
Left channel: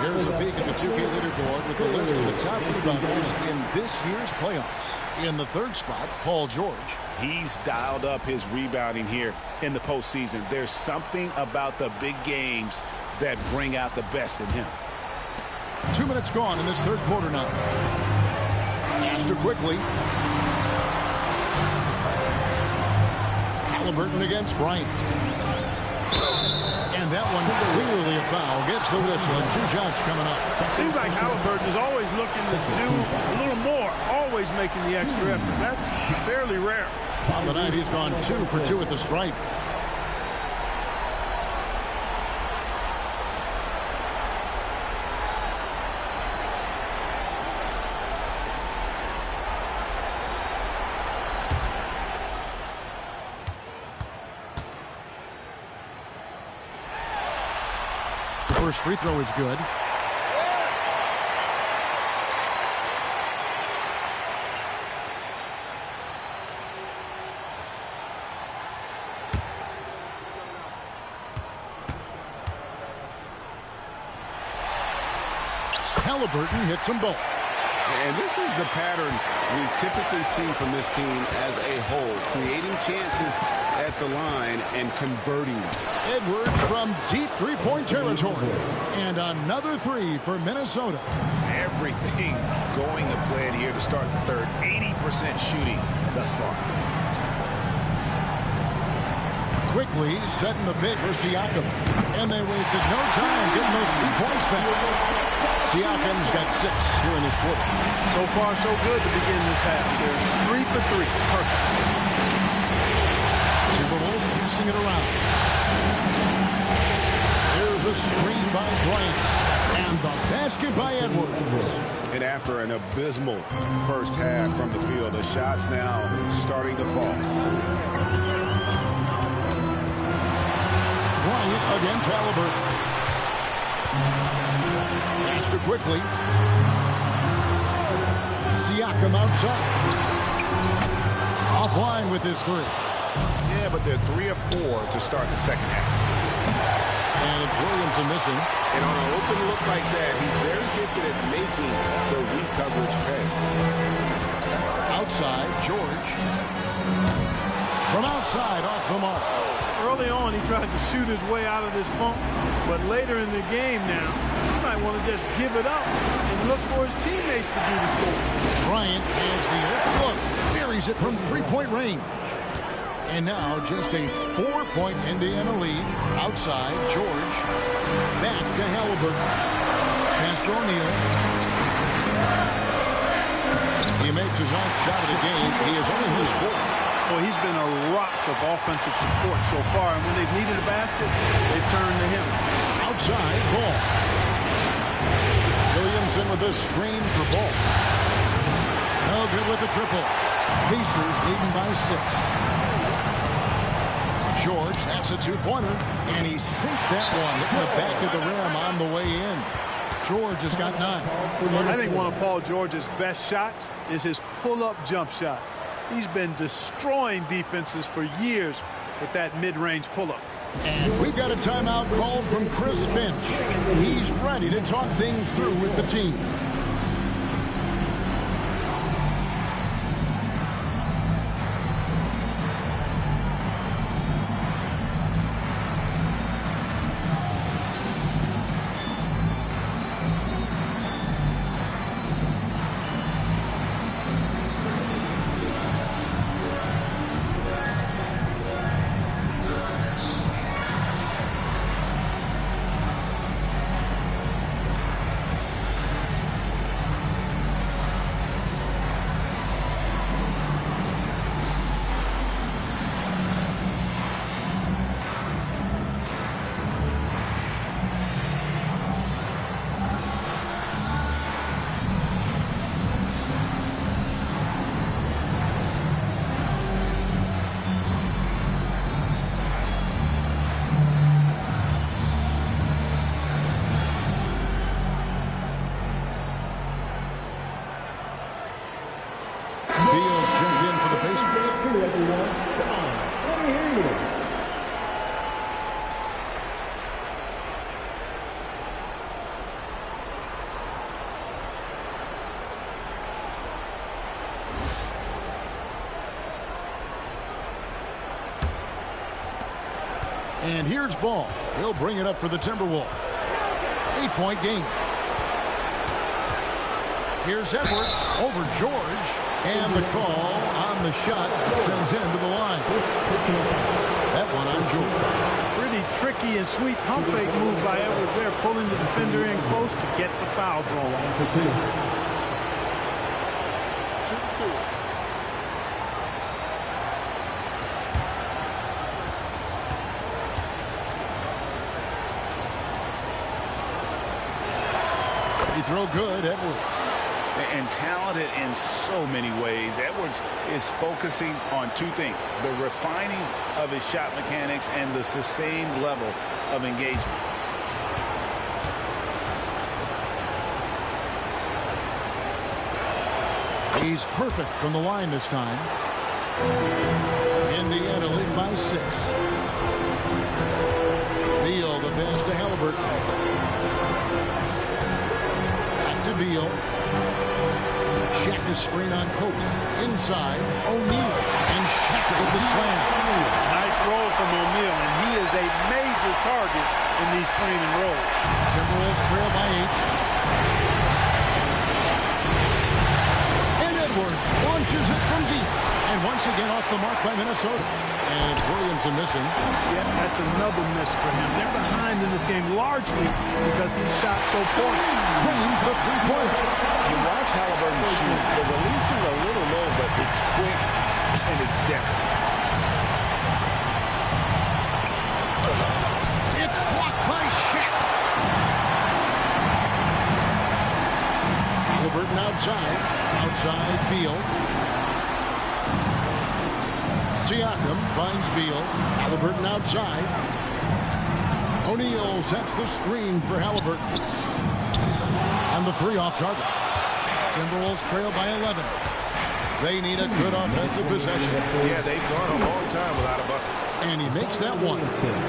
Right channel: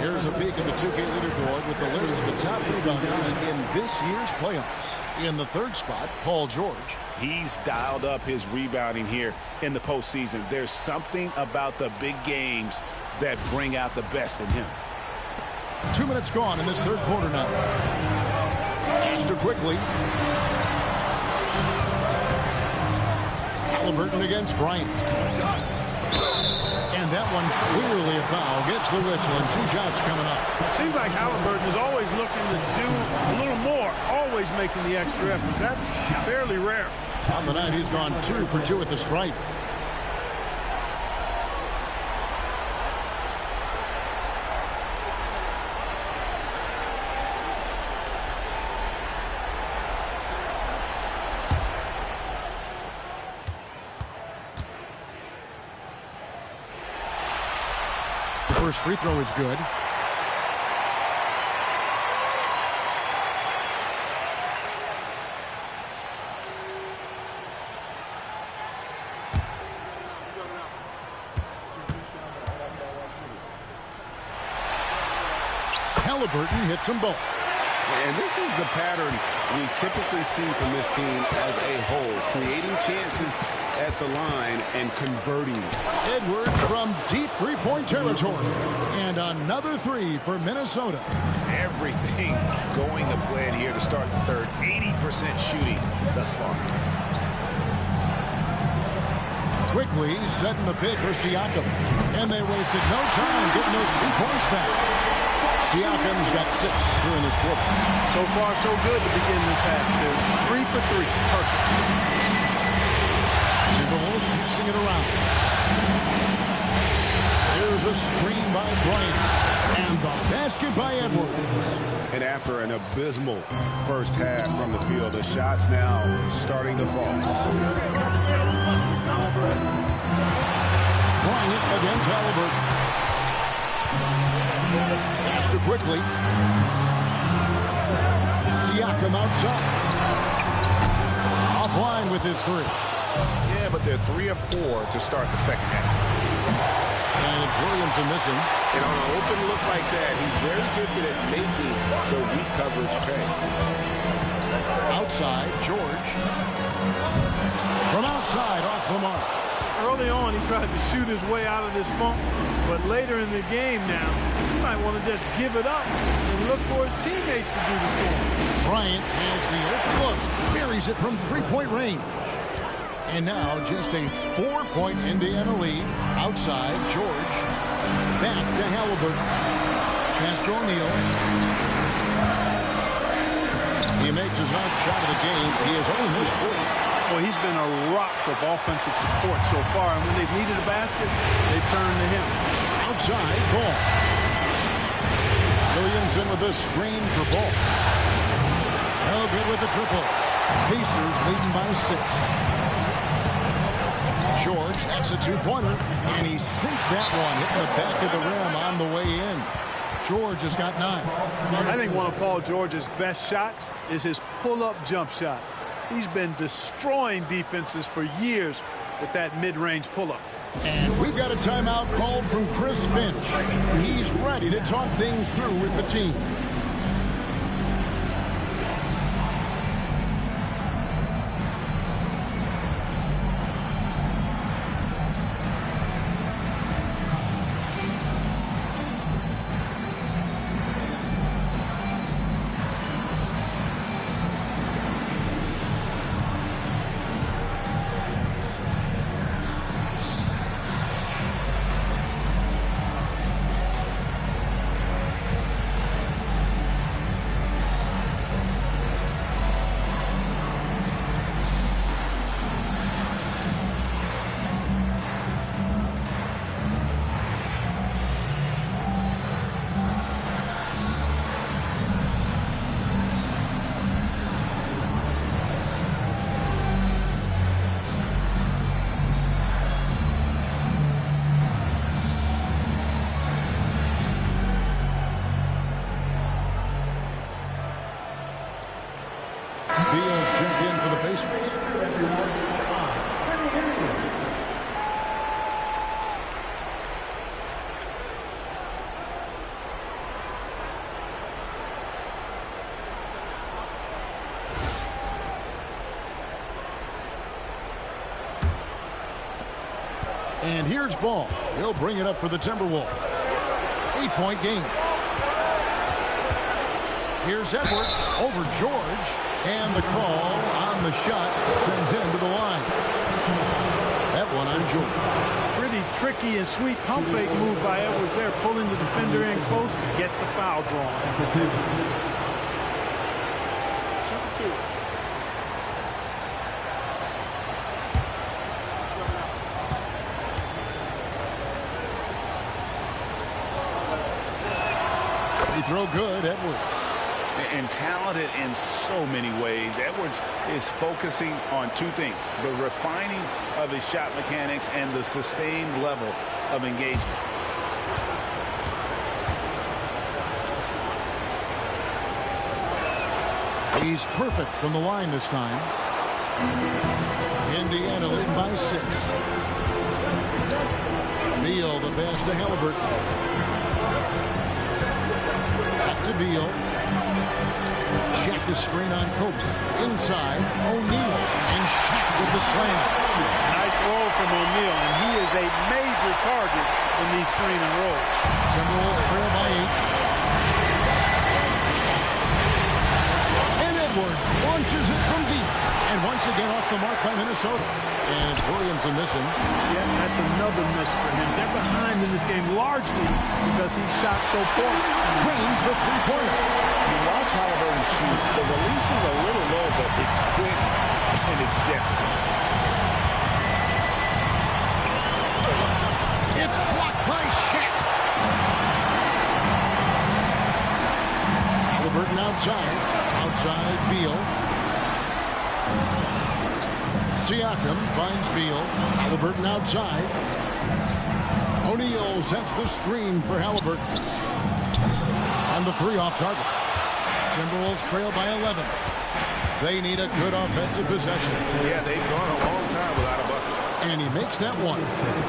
Here's a peek at the 2K leaderboard with the list of the top rebounders in this year's playoffs. In the third spot, Paul George. He's dialed up his rebounding here in the postseason. There's something about the big games that bring out the best in him. 2 minutes gone in this third quarter now. Astor quickly. Halliburton against Bryant. And that one clearly a foul. Gets the whistle and 2 shots coming up. Seems like Halliburton is always looking to do a little more, always making the extra effort. That's fairly rare. On the night, he's gone 2 for 2 at the stripe. First free throw is good. Halliburton hits them both. And this is the pattern we typically see from this team as a whole, creating chances at the line and converting them. Edwards from deep three-point territory. And another 3 for Minnesota. Everything going to plan here to start the third. 80% shooting thus far. Quickly setting the pick for Siakam. And they wasted no time getting those 3 points back. Siakam's got 6 here in this quarter. So far, so good to begin this half. They're 3 for 3. Perfect. Timberwolves passing it around. There's a screen by Bryant. And the basket by Edwards. And after an abysmal first half from the field, the shots now starting to fall. Bryant against Halliburton. Pastor quickly. Siakam outside. Offline with his 3. Yeah, but they're 3 of 4 to start the second half. And it's Williamson missing. And on an open look like that, he's very gifted at making the weak coverage pay. Outside, George. From outside, off the mark. Early on, he tried to shoot his way out of this funk. But later in the game now, he might want to just give it up and look for his teammates to do the scoring. Bryant has the open look. Buries it from three-point range. And now just a 4-point Indiana lead. Outside, George. Back to Halliburton. Pass to O'Neal. He makes his 9th shot of the game. He has only missed 4. Well, he's been a rock of offensive support so far, and when they've needed a basket, they've turned to him. Outside, Ball. Williamson with the screen for Ball. No good with the triple. Pacers leading by 6. George, that's a 2-pointer, and he sinks that one, hitting the back of the rim on the way in. George has got 9. I think one of Paul George's best shots is his pull-up jump shot. He's been destroying defenses for years with that mid-range pull-up. And we've got a timeout called from Chris Finch. He's ready to talk things through with the team. Beal's checked in for the Pacers. And here's Ball. He'll bring it up for the Timberwolves. 8-point game. Here's Edwards over George. And the call on the shot that sends him to the line. That one on George. Pretty tricky and sweet pump fake move by Edwards there, pulling the defender in close to get the foul drawn. Shoot 2. Free throw good, Edwards. And talented in so many ways. Edwards is focusing on 2 things: the refining of his shot mechanics and the sustained level of engagement. He's perfect from the line this time. Indiana leading by 6. Beal, the pass to Halliburton. Back to Beal. Shaq the screen on Kobe. Inside, O'Neal. And Shaq with the slam. Nice roll from O'Neal, and he is a major target in these screen and rolls. Timberwolves trail by 8. And Edwards launches it from deep. And once again off the mark by Minnesota. And it's Williamson missing. Yeah, that's another miss for him. They're behind in this game largely because he shot so poorly. Cranes the three-pointer. You watch Halliburton shoot. The release is a little low, but it's quick and it's definite. It's blocked by Shaq. Halliburton outside. Outside Beal. Siakam finds Beal. Halliburton outside. O'Neal sets the screen for Halliburton. On the 3 off target. Timberwolves trail by 11. They need a good offensive possession. Yeah, they've gone a long time without a bucket. And he makes that one.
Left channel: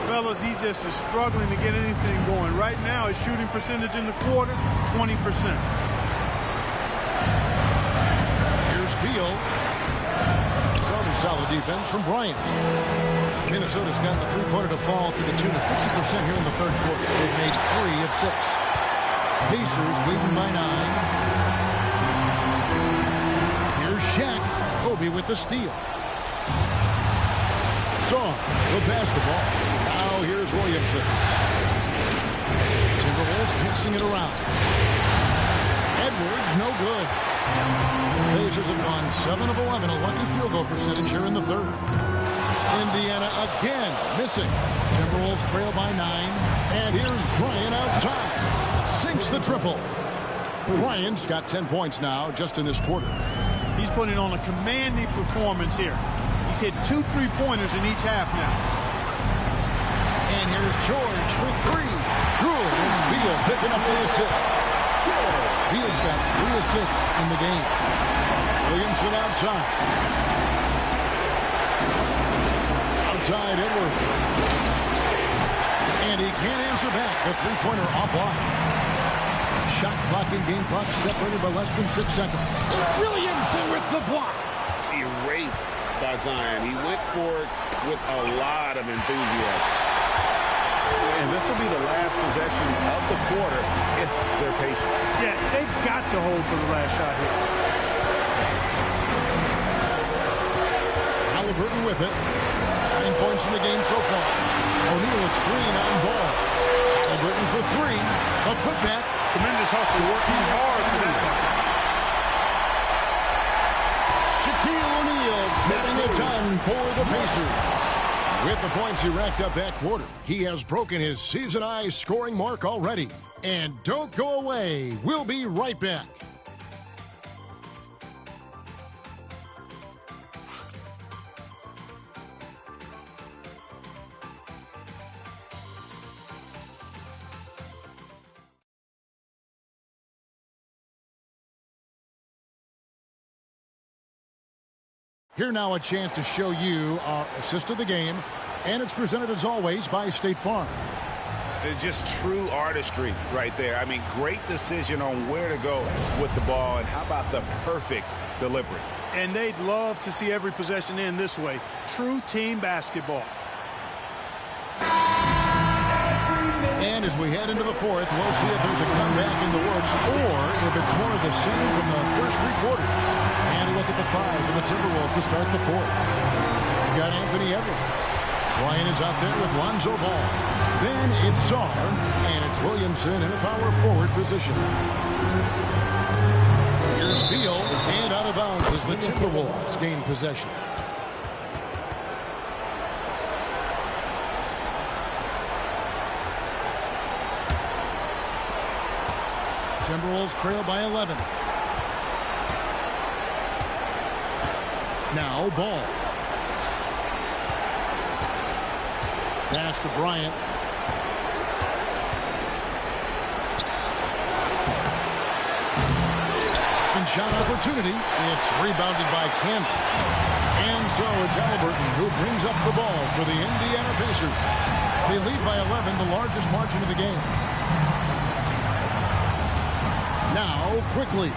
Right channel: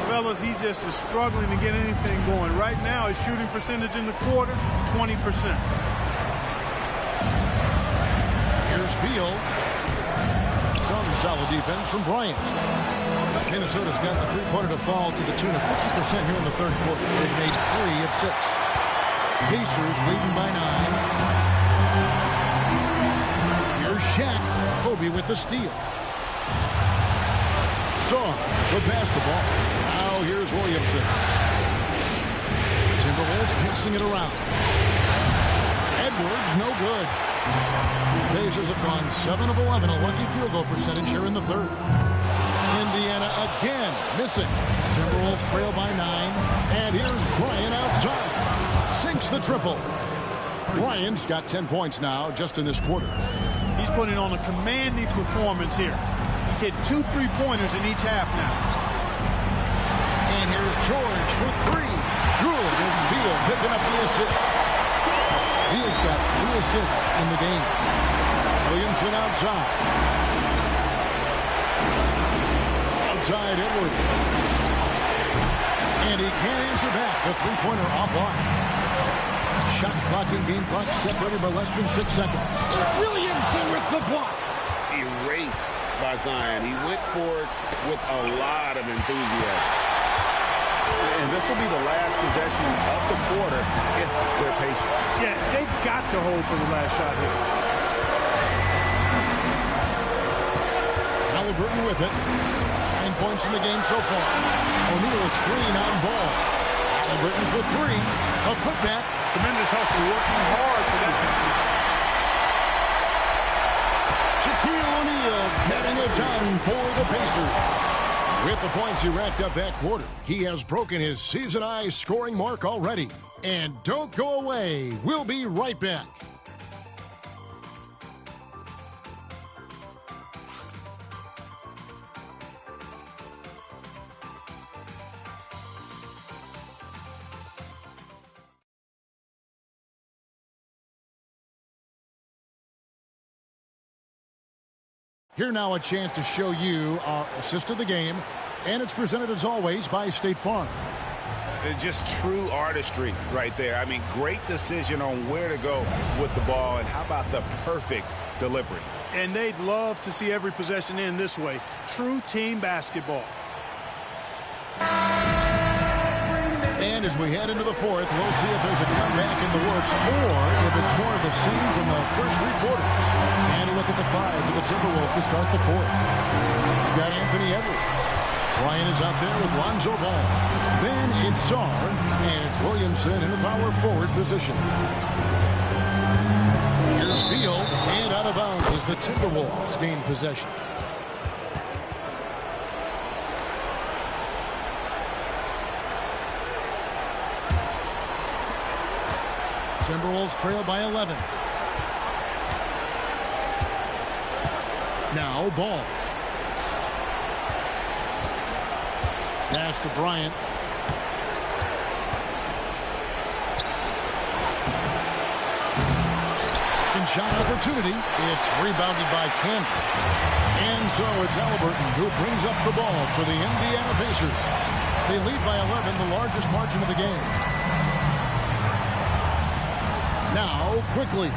Fellas, he just is struggling to get anything going. Right now, his shooting percentage in the quarter, 20%. Here's Beal. Some solid defense from Bryant. Minnesota's gotten the three-pointer to fall to the tune of 50% here in the third quarter. They've made 3 of 6. Pacers leading by 9. Here's Shaq. Kobe with the steal. Song will pass the ball. Now here's Williamson. Timberwolves passing it around. Edwards, no good. Pacers have gone 7 of 11, a lucky field goal percentage here in the third. Indiana again missing. Timberwolves trail by 9. And here's Bryant outside. Sinks the triple. Bryant's got 10 points now just in this quarter. He's putting on a commanding performance here. He's hit 2 3-pointers in each half now. And here's George for 3. Good. It's Beal picking up the assist. Beal's got 3 assists in the game. Williamson outside. Outside Edwards. And he can't answer back. The three-pointer offline. Shot clock and game clock separated by less than 6 seconds. Williamson with the block. Erased by Zion. He went for it with a lot of enthusiasm. And this will be the last possession of the quarter if they're patient. Yeah, they've got to hold for the last shot here. Halliburton with it. 9 points in the game so far. O'Neal a screen on ball. Halliburton for 3. A putback. Tremendous hustle, working hard for that bucket. Shaquille O'Neal getting it done for the Pacers. With the points he racked up that quarter, he has broken his season-high scoring mark already. And don't go away. We'll be right back. Here now a chance to show you our assist of the game, and it's presented as always by State Farm. Just true artistry right there. I mean, great decision on where to go with the ball, and how about the perfect delivery? And they'd love to see every possession end this way. True team basketball. And as we head into the fourth, we'll see if there's a comeback in the works or if it's more of the same from the first 3 quarters. And a look at the 5 for the Timberwolves to start the fourth. We've got Anthony Edwards. Bryant is out there with Lonzo Ball. Then it's Sarr, and it's Williamson in the power forward position. Here's Beal, and out of bounds as the Timberwolves gain possession. Timberwolves trail by 11. Now Ball. Pass to Bryant. Second shot opportunity. It's rebounded by Camden. And so it's Halliburton who brings up the ball for the Indiana Pacers. They lead by 11, the largest margin of the game. Now, quickly.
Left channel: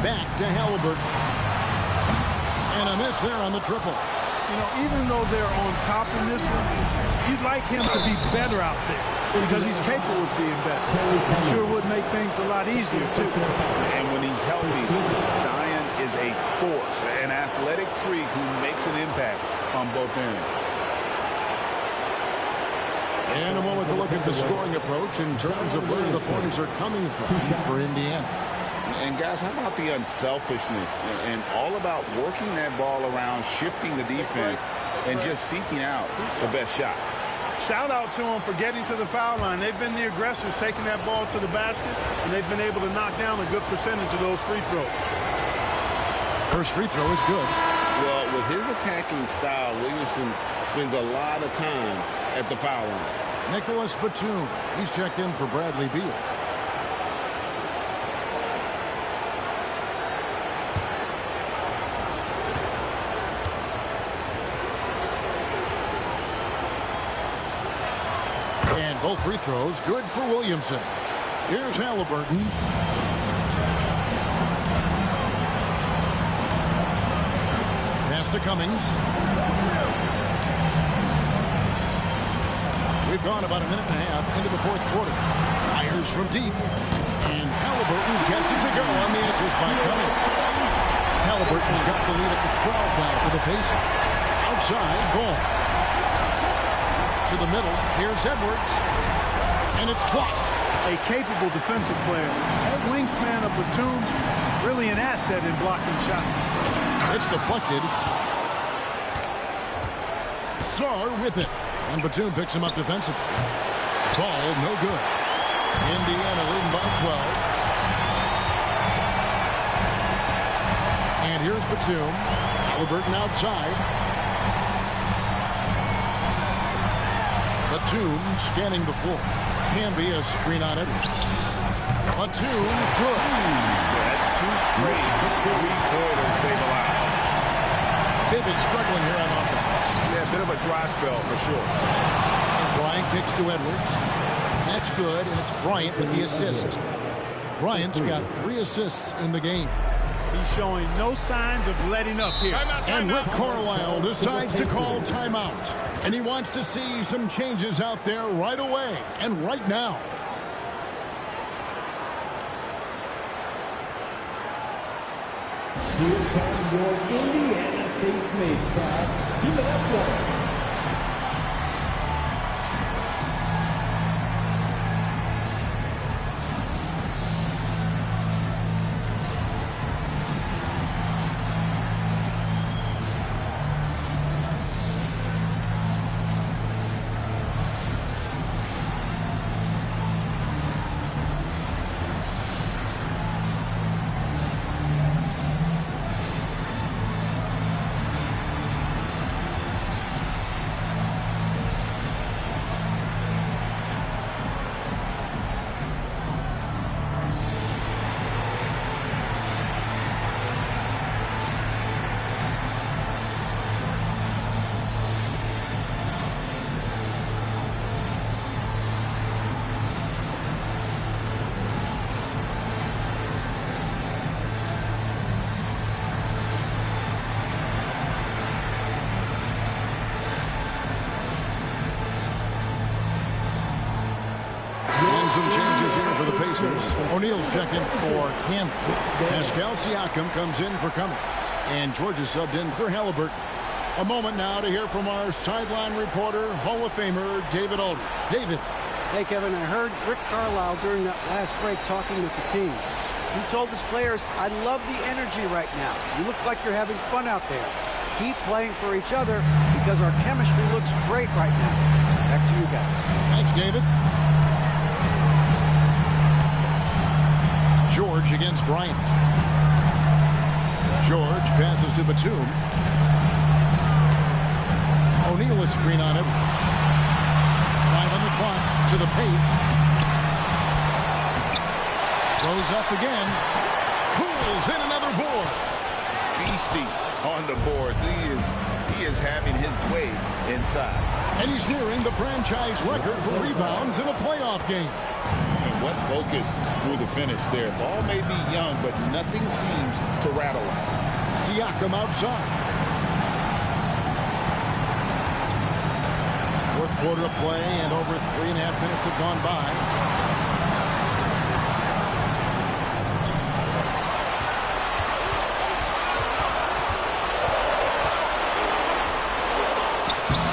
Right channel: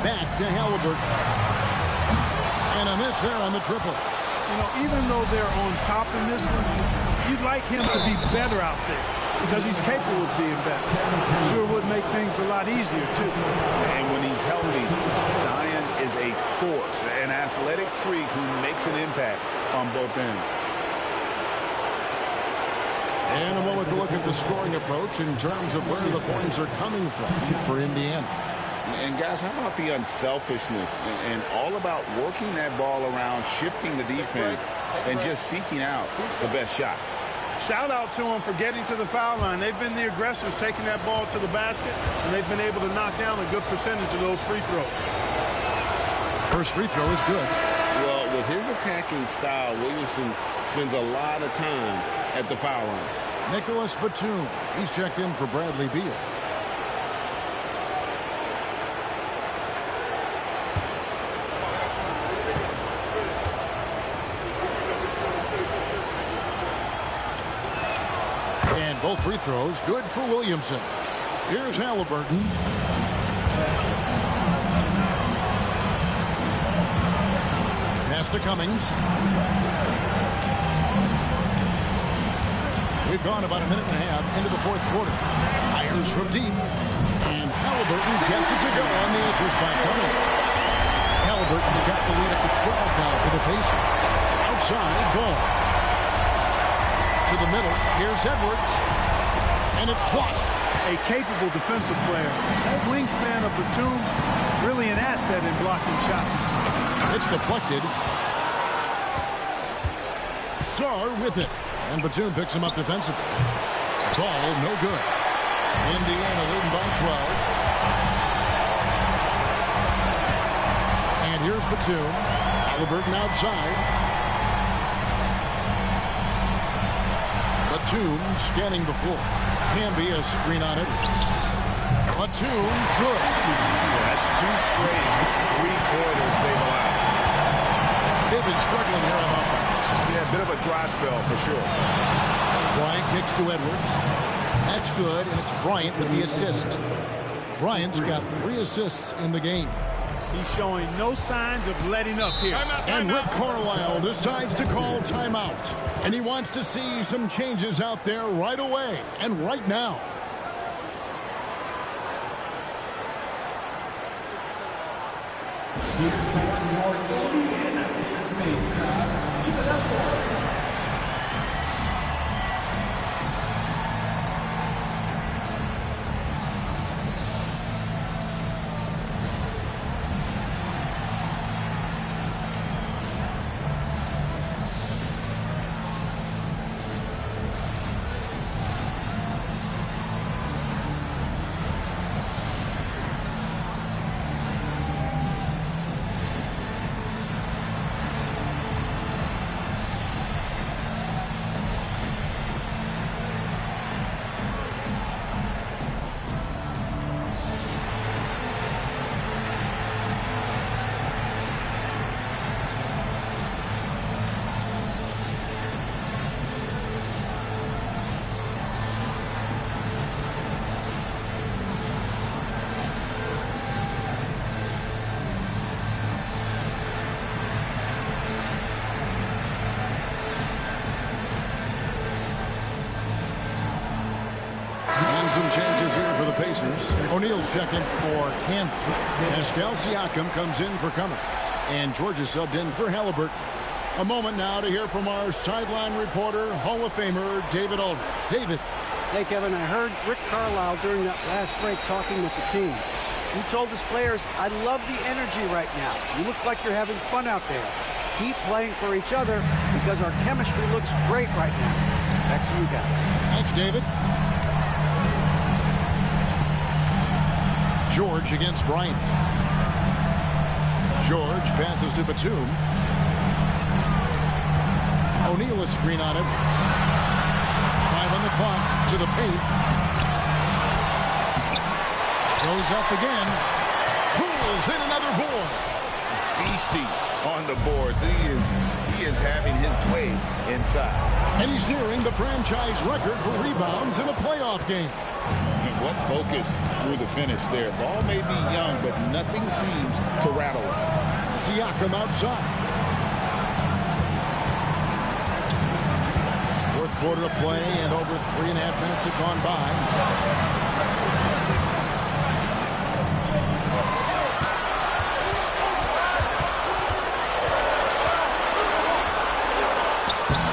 Back to Halliburton. And a miss there on the triple. You know, even though they're on top in this one, you'd like him to be better out there because he's capable of being better. Sure would make things a lot easier, too. And when he's healthy, Zion is a force, an athletic freak who makes an impact on both ends. And a moment to look at the scoring approach in terms of where the points are coming from for Indiana. And guys, how about the unselfishness and all about working that ball around, shifting the defense, and just seeking out the best shot. Shout out to them for getting to the foul line. They've been the aggressors taking that ball to the basket, and they've been able to knock down a good percentage of those free throws. First free throw is good. Well, with his attacking style, Williamson spends a lot of time at the foul line. Nicholas Batum. He's checked in for Bradley Beal. And both free throws good for Williamson. Here's Halliburton. Pass to Cummings. We've gone about a minute and a half into the fourth quarter. Fires from deep. And Halliburton gets it to go on the assist by Cummings. Halliburton's got the lead up to 12 now for the Pacers. Outside, Ball. To the middle. Here's Edwards. And it's blocked. A capable defensive player. That wingspan of Batum, really an asset in blocking shots. It's deflected. Sarr with it. And Batum picks him up defensively. Ball, no good. Indiana leading by 12. And here's Batum. Halliburton outside. Batum scanning the floor. Can be a screen on Edwards. Batum, good. Yeah, that's 2 straight three-pointers they've allowed. They've been struggling here on offense. Yeah, a bit of a dry spell for sure. And Bryant kicks to Edwards. That's good, and it's Bryant with the assist. Bryant's got 3 assists in the game. He's showing no signs of letting up here. And Rick Carlisle decides to call timeout. And he wants to see some changes out there right away and right now. Here come your Indiana base mates, Todd. Give it up for him. Some changes here for the Pacers. O'Neal's checking for Campbell. Pascal Siakam comes in for Cummings. And George is subbed in for Halliburton. A moment now to hear from our sideline reporter, Hall of Famer David Aldridge. David. Hey, Kevin, I heard Rick Carlisle during that last break talking with the team. He told his players, I love the energy right now. You look like you're having fun out there. Keep playing for each other because our chemistry looks great right now. Back to you guys. Thanks, David. George against Bryant. George passes to Batum. O'Neal a screen on Edwards. 5 on the clock to the paint. Goes up again. Pulls in another board. Beastie on the boards. He is having his way inside. And he's nearing the franchise record for rebounds in a playoff game. And what focus through the finish there. Ball may be young, but nothing seems to rattle him. Siakam outside. Fourth quarter of play, and over 3.5 minutes have gone by.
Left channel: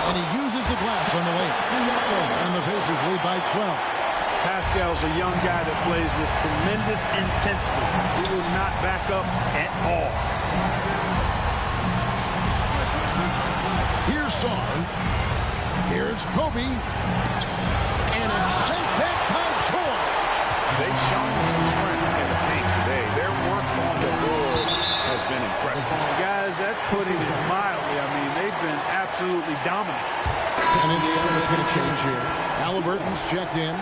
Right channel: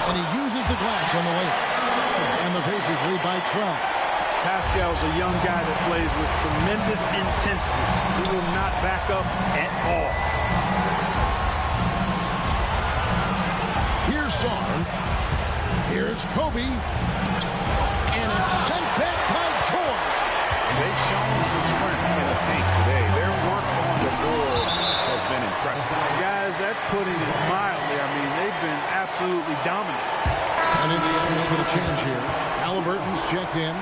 And he uses the glass on the layup. And the Pacers lead by 12. Pascal's a young guy that plays with tremendous intensity. He will not back up at all. Here's Sarn. Here's Kobe. And it's sent back by George. They've shown some strength in the paint today. Their work on the boards has been impressive. Guys, that's putting it mildly. I mean, they've been absolutely dominant. And Indiana making a change here. Halliburton's checked in.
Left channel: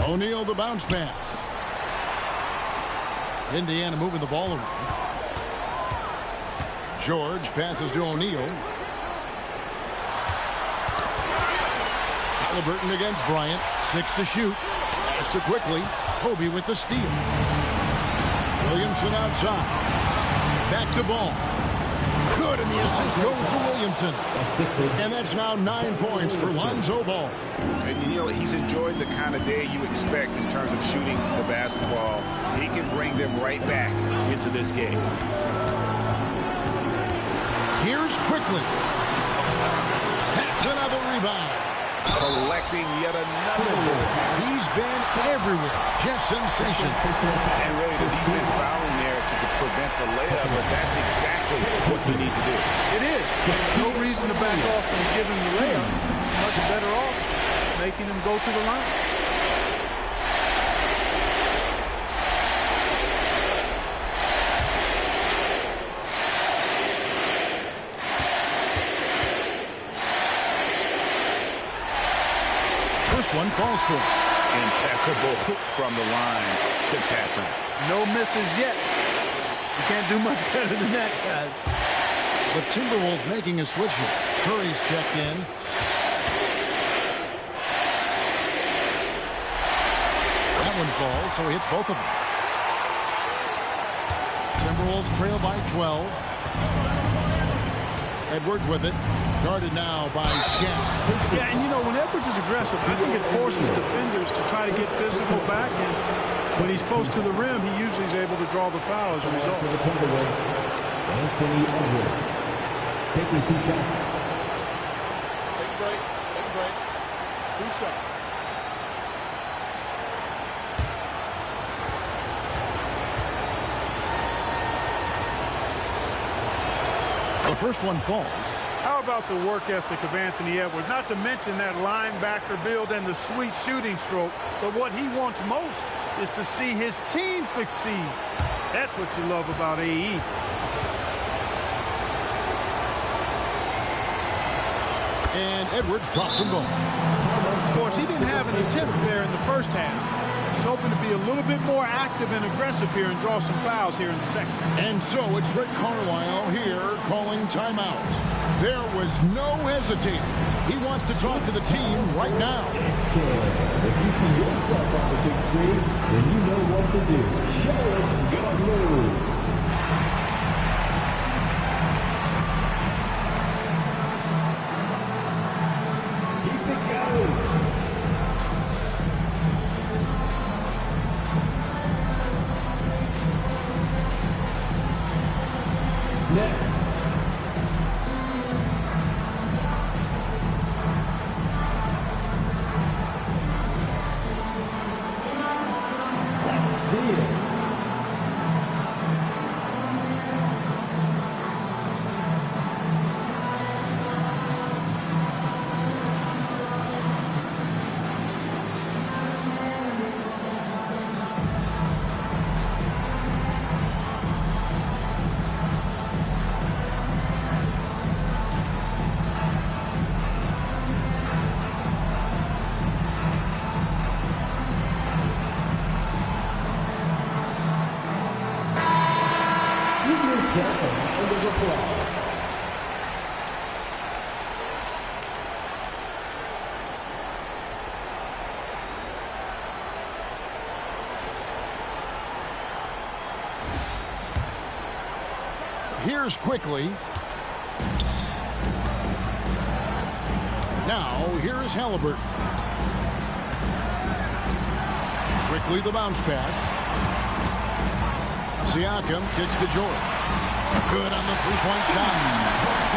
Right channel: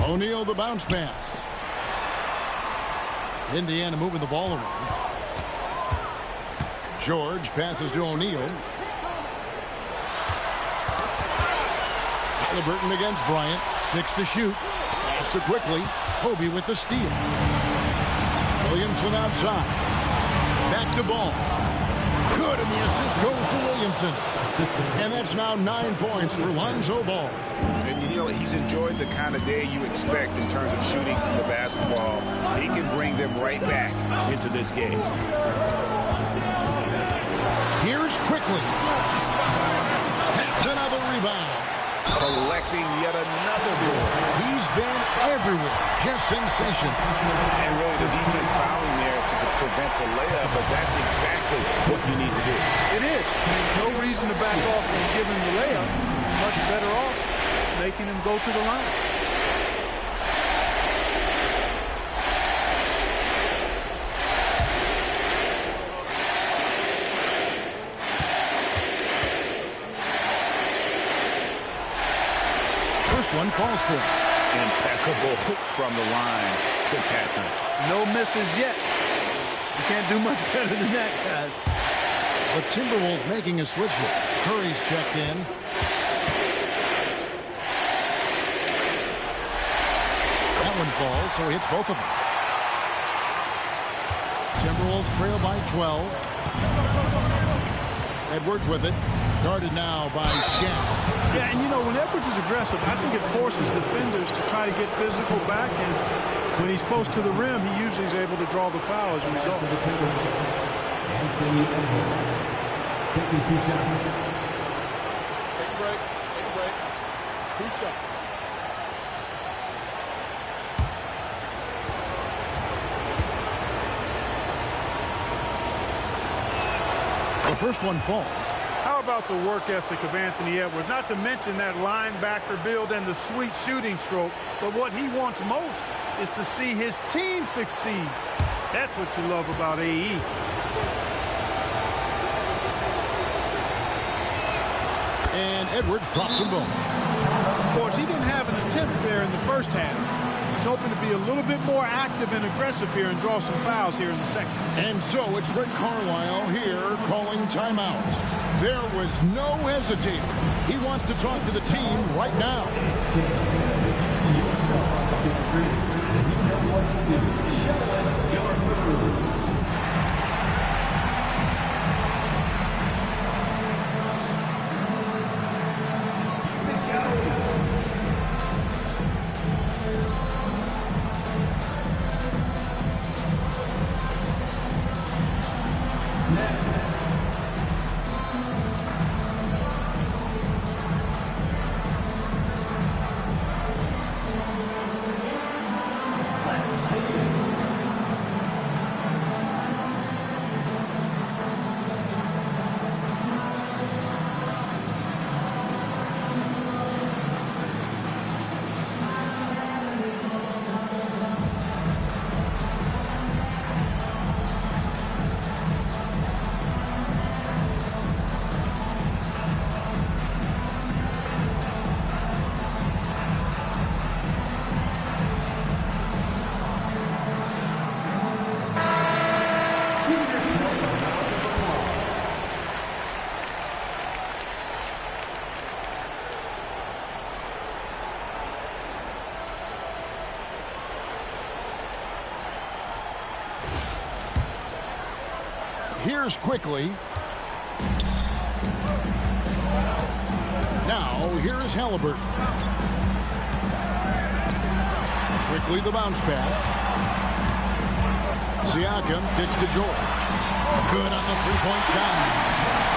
O'Neal the bounce pass. Indiana moving the ball around. George passes to O'Neal. Halliburton against Bryant. 6 to shoot. Pass to quickly. Kobe with the steal. Williamson outside. Back to Ball. Good, and the assist goes to Williamson. And that's now 9 points for Lonzo Ball. And you know, he's enjoyed the kind of day you expect in terms of shooting the basketball. He can bring them right back into this game. Here's quickly. That's another rebound. Collecting yet another board. He's been everywhere. Just sensational. And really the defense fouling there to prevent the layup, but that's exactly what you need to do. It is. No reason to back off from giving the layup. Much better off making him go to the line. one falls for him. Impeccable from the line since halftime. No misses yet. You can't do much better than that, guys. The Timberwolves making a switch here. Curry's checked in. That one falls, so he hits both of them. Timberwolves trail by 12. Edwards with it. Guarded now by Shaq. Yeah, and you know, when Edwards is aggressive, I think it forces defenders to try to get physical back. And when he's close to the rim, he usually is able to draw the foul as a result. Anthony Edwards taking 2 shots. Take a break. Take a break. 2 shots. The first one falls. How about the work ethic of Anthony Edwards? Not to mention that linebacker build and the sweet shooting stroke. But what he wants most is to see his team succeed. That's what you love about AE. And Edwards drops them both. Of course, he didn't have an attempt there in the first half. He's hoping to be a little bit more active and aggressive here and draw some fouls here in the second. And so it's Rick Carlisle here calling timeout. There was no hesitating. He wants to talk to the team right now. If you see yourself on the big screen, then you know what to do. Show us your moves. Keep it going. Next. Let's see it. Give yourself a round of applause. Here's quickly. Now, here is Halliburton. Quickly the bounce pass. Siakam kicks to George. Good on the three-point shot.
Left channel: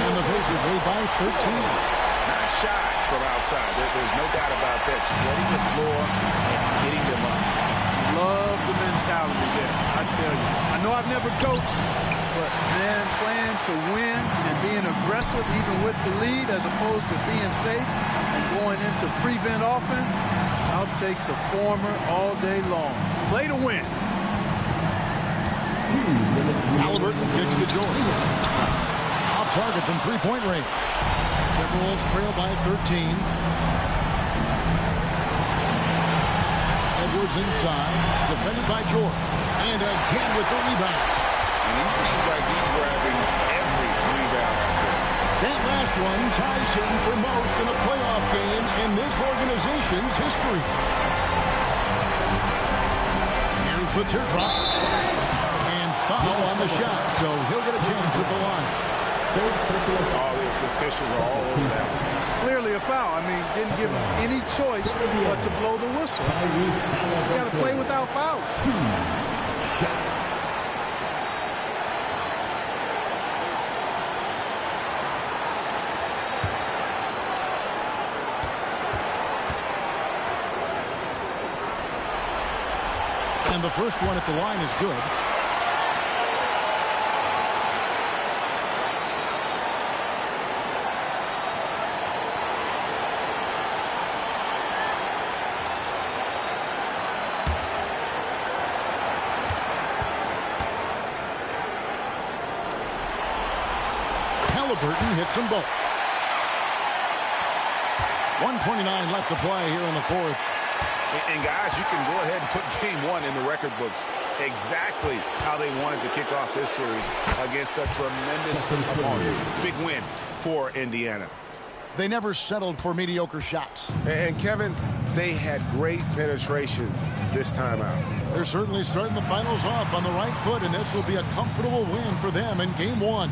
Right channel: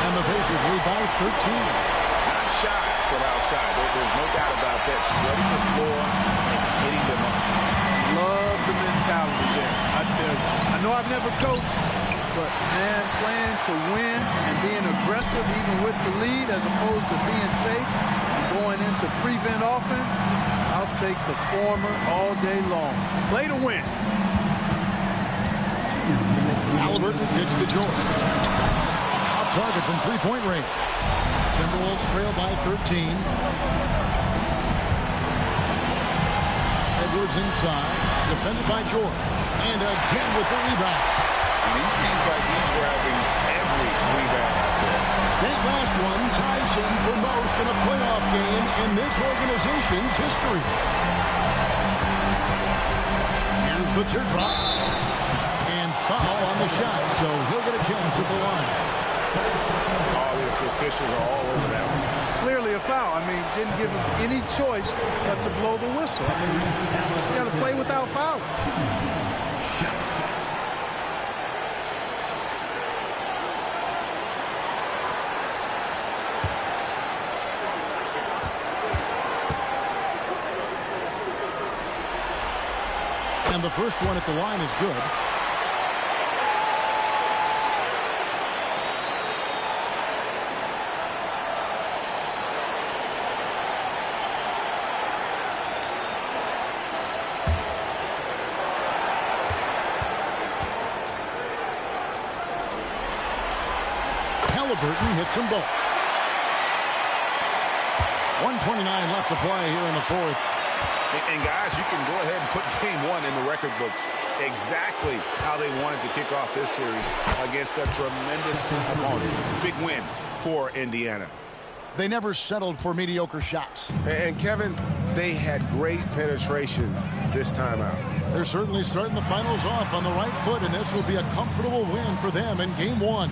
And the Pacers lead by 13. Not shy from outside. There's no doubt about that. Spreading the floor and hitting them up. Love the mentality there, I tell you. I know I've never coached, but, man, playing to win and being aggressive even with the lead as opposed to being safe and going into prevent offense, I'll take the former all day long. Play to win. Halliburton kicks to George. Off target from three-point range. Timberwolves trail by 13. Edwards inside. Defended by George. And again with the rebound. And he seems like he's grabbing every rebound out there. That last one ties him for most in a playoff game in this organization's history. Here's the teardrop. And foul on the shot, so he'll get a chance at the line. All the officials are all over that one. Clearly a foul. I mean, didn't give him any choice but to blow the whistle. I mean, you got to play without foul. And the first one at the line is good. Halliburton hits them both. 1:29 left to play here in the fourth. And guys, you can go ahead and put game one in the record books. Exactly how they wanted to kick off this series against a tremendous opponent. Big win for Indiana. They never settled for mediocre shots. And Kevin, they had great penetration this time out. They're certainly starting the finals off on the right foot, and this will be a comfortable win for them in game one.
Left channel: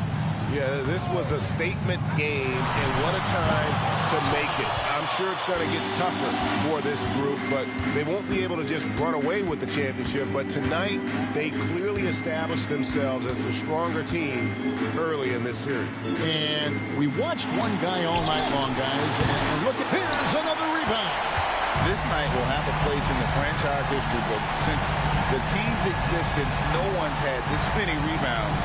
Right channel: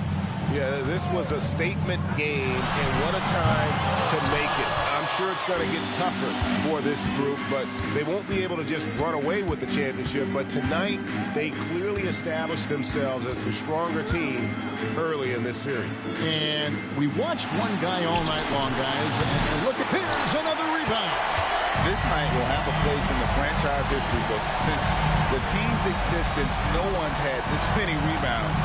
Yeah, this was a statement game, and what a time to make it. I'm sure it's going to get tougher for this group, but they won't be able to just run away with the championship. But tonight, they clearly established themselves as the stronger team early in this series. And we watched one guy all night long, guys, and look at, here's another rebound. This night will have a place in the franchise history book. Since the team's existence, no one's had this many rebounds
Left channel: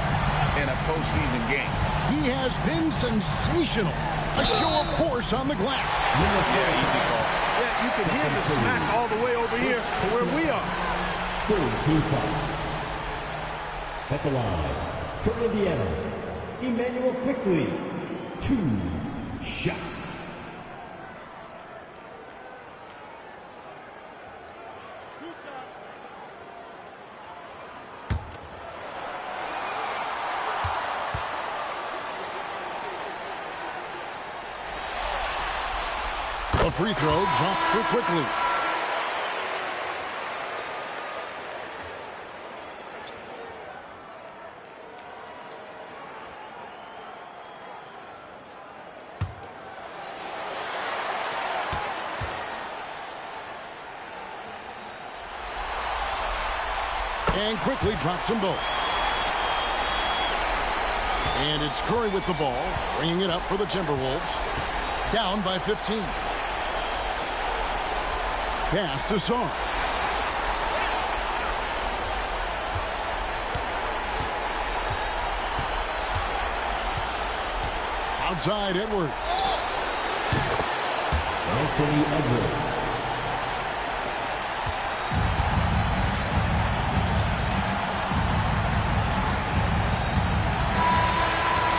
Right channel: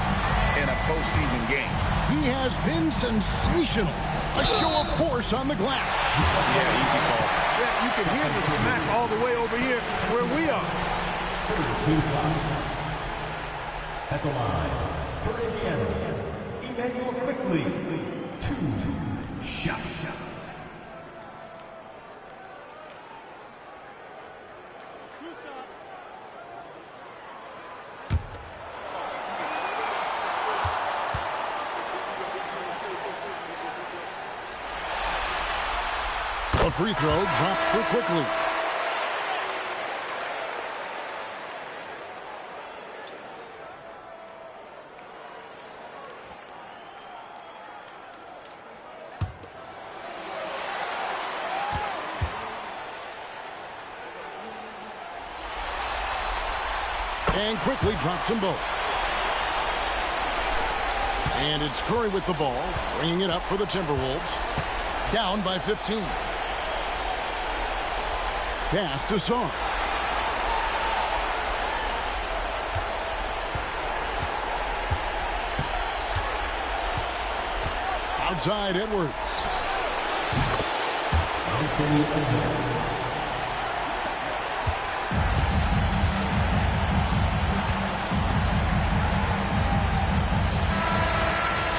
in a postseason game. He has been sensational. A show of force on the glass. Yeah, easy call. Yeah, you can hear the smack all the way over here where we are. 2-5. At the line for Indiana, Emmanuel Quickly. 2 shots. A free throw drops for Quickly. And Quickly drops them both. And it's Curry with the ball, bringing it up for the Timberwolves. Down by 15. Pass to Sarr. Outside Edwards. Anthony Edwards.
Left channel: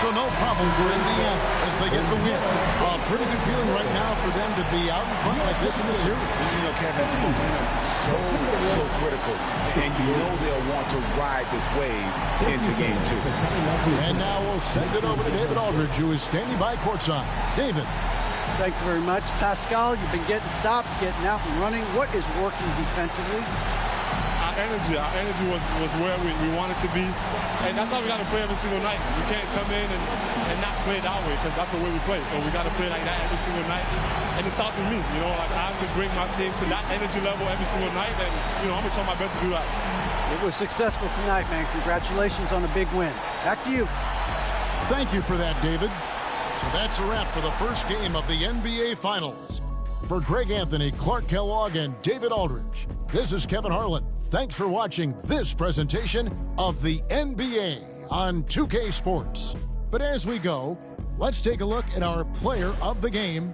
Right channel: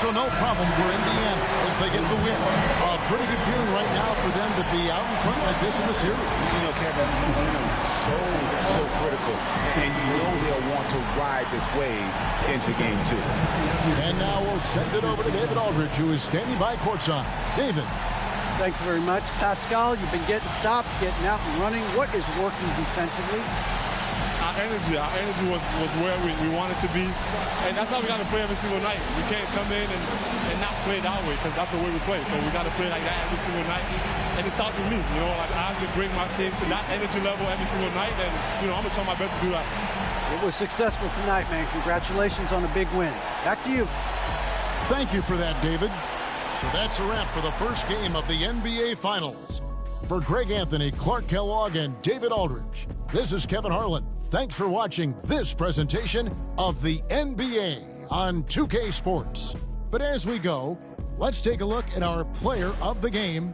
So no problem for Indiana as they get the win. A pretty good feeling right now for them to be out in front like this in the series. You know, Kevin, momentum so critical. And you know they'll want to ride this wave into game two. And now we'll send it over to David Aldridge, who is standing by courtside. David. Thanks very much. Pascal, you've been getting stops, getting out and running. What is working defensively? Our energy was where we wanted to be, and that's how we got to play every single night. We can't come in and not play that way, because that's the way we play. So we got to play like that every single night, and it starts with me. You know, like I have to bring my team to that energy level every single night, and you know I'm gonna try my best to do that. It was successful tonight, man. Congratulations on a big win. Back to you. Thank you for that, David. So that's a wrap for the first game of the NBA Finals. For Greg Anthony, Clark Kellogg, and David Aldridge, this is Kevin Harlan. Thanks for watching this presentation of the NBA on 2K Sports. But as we go, let's take a look at our player of the game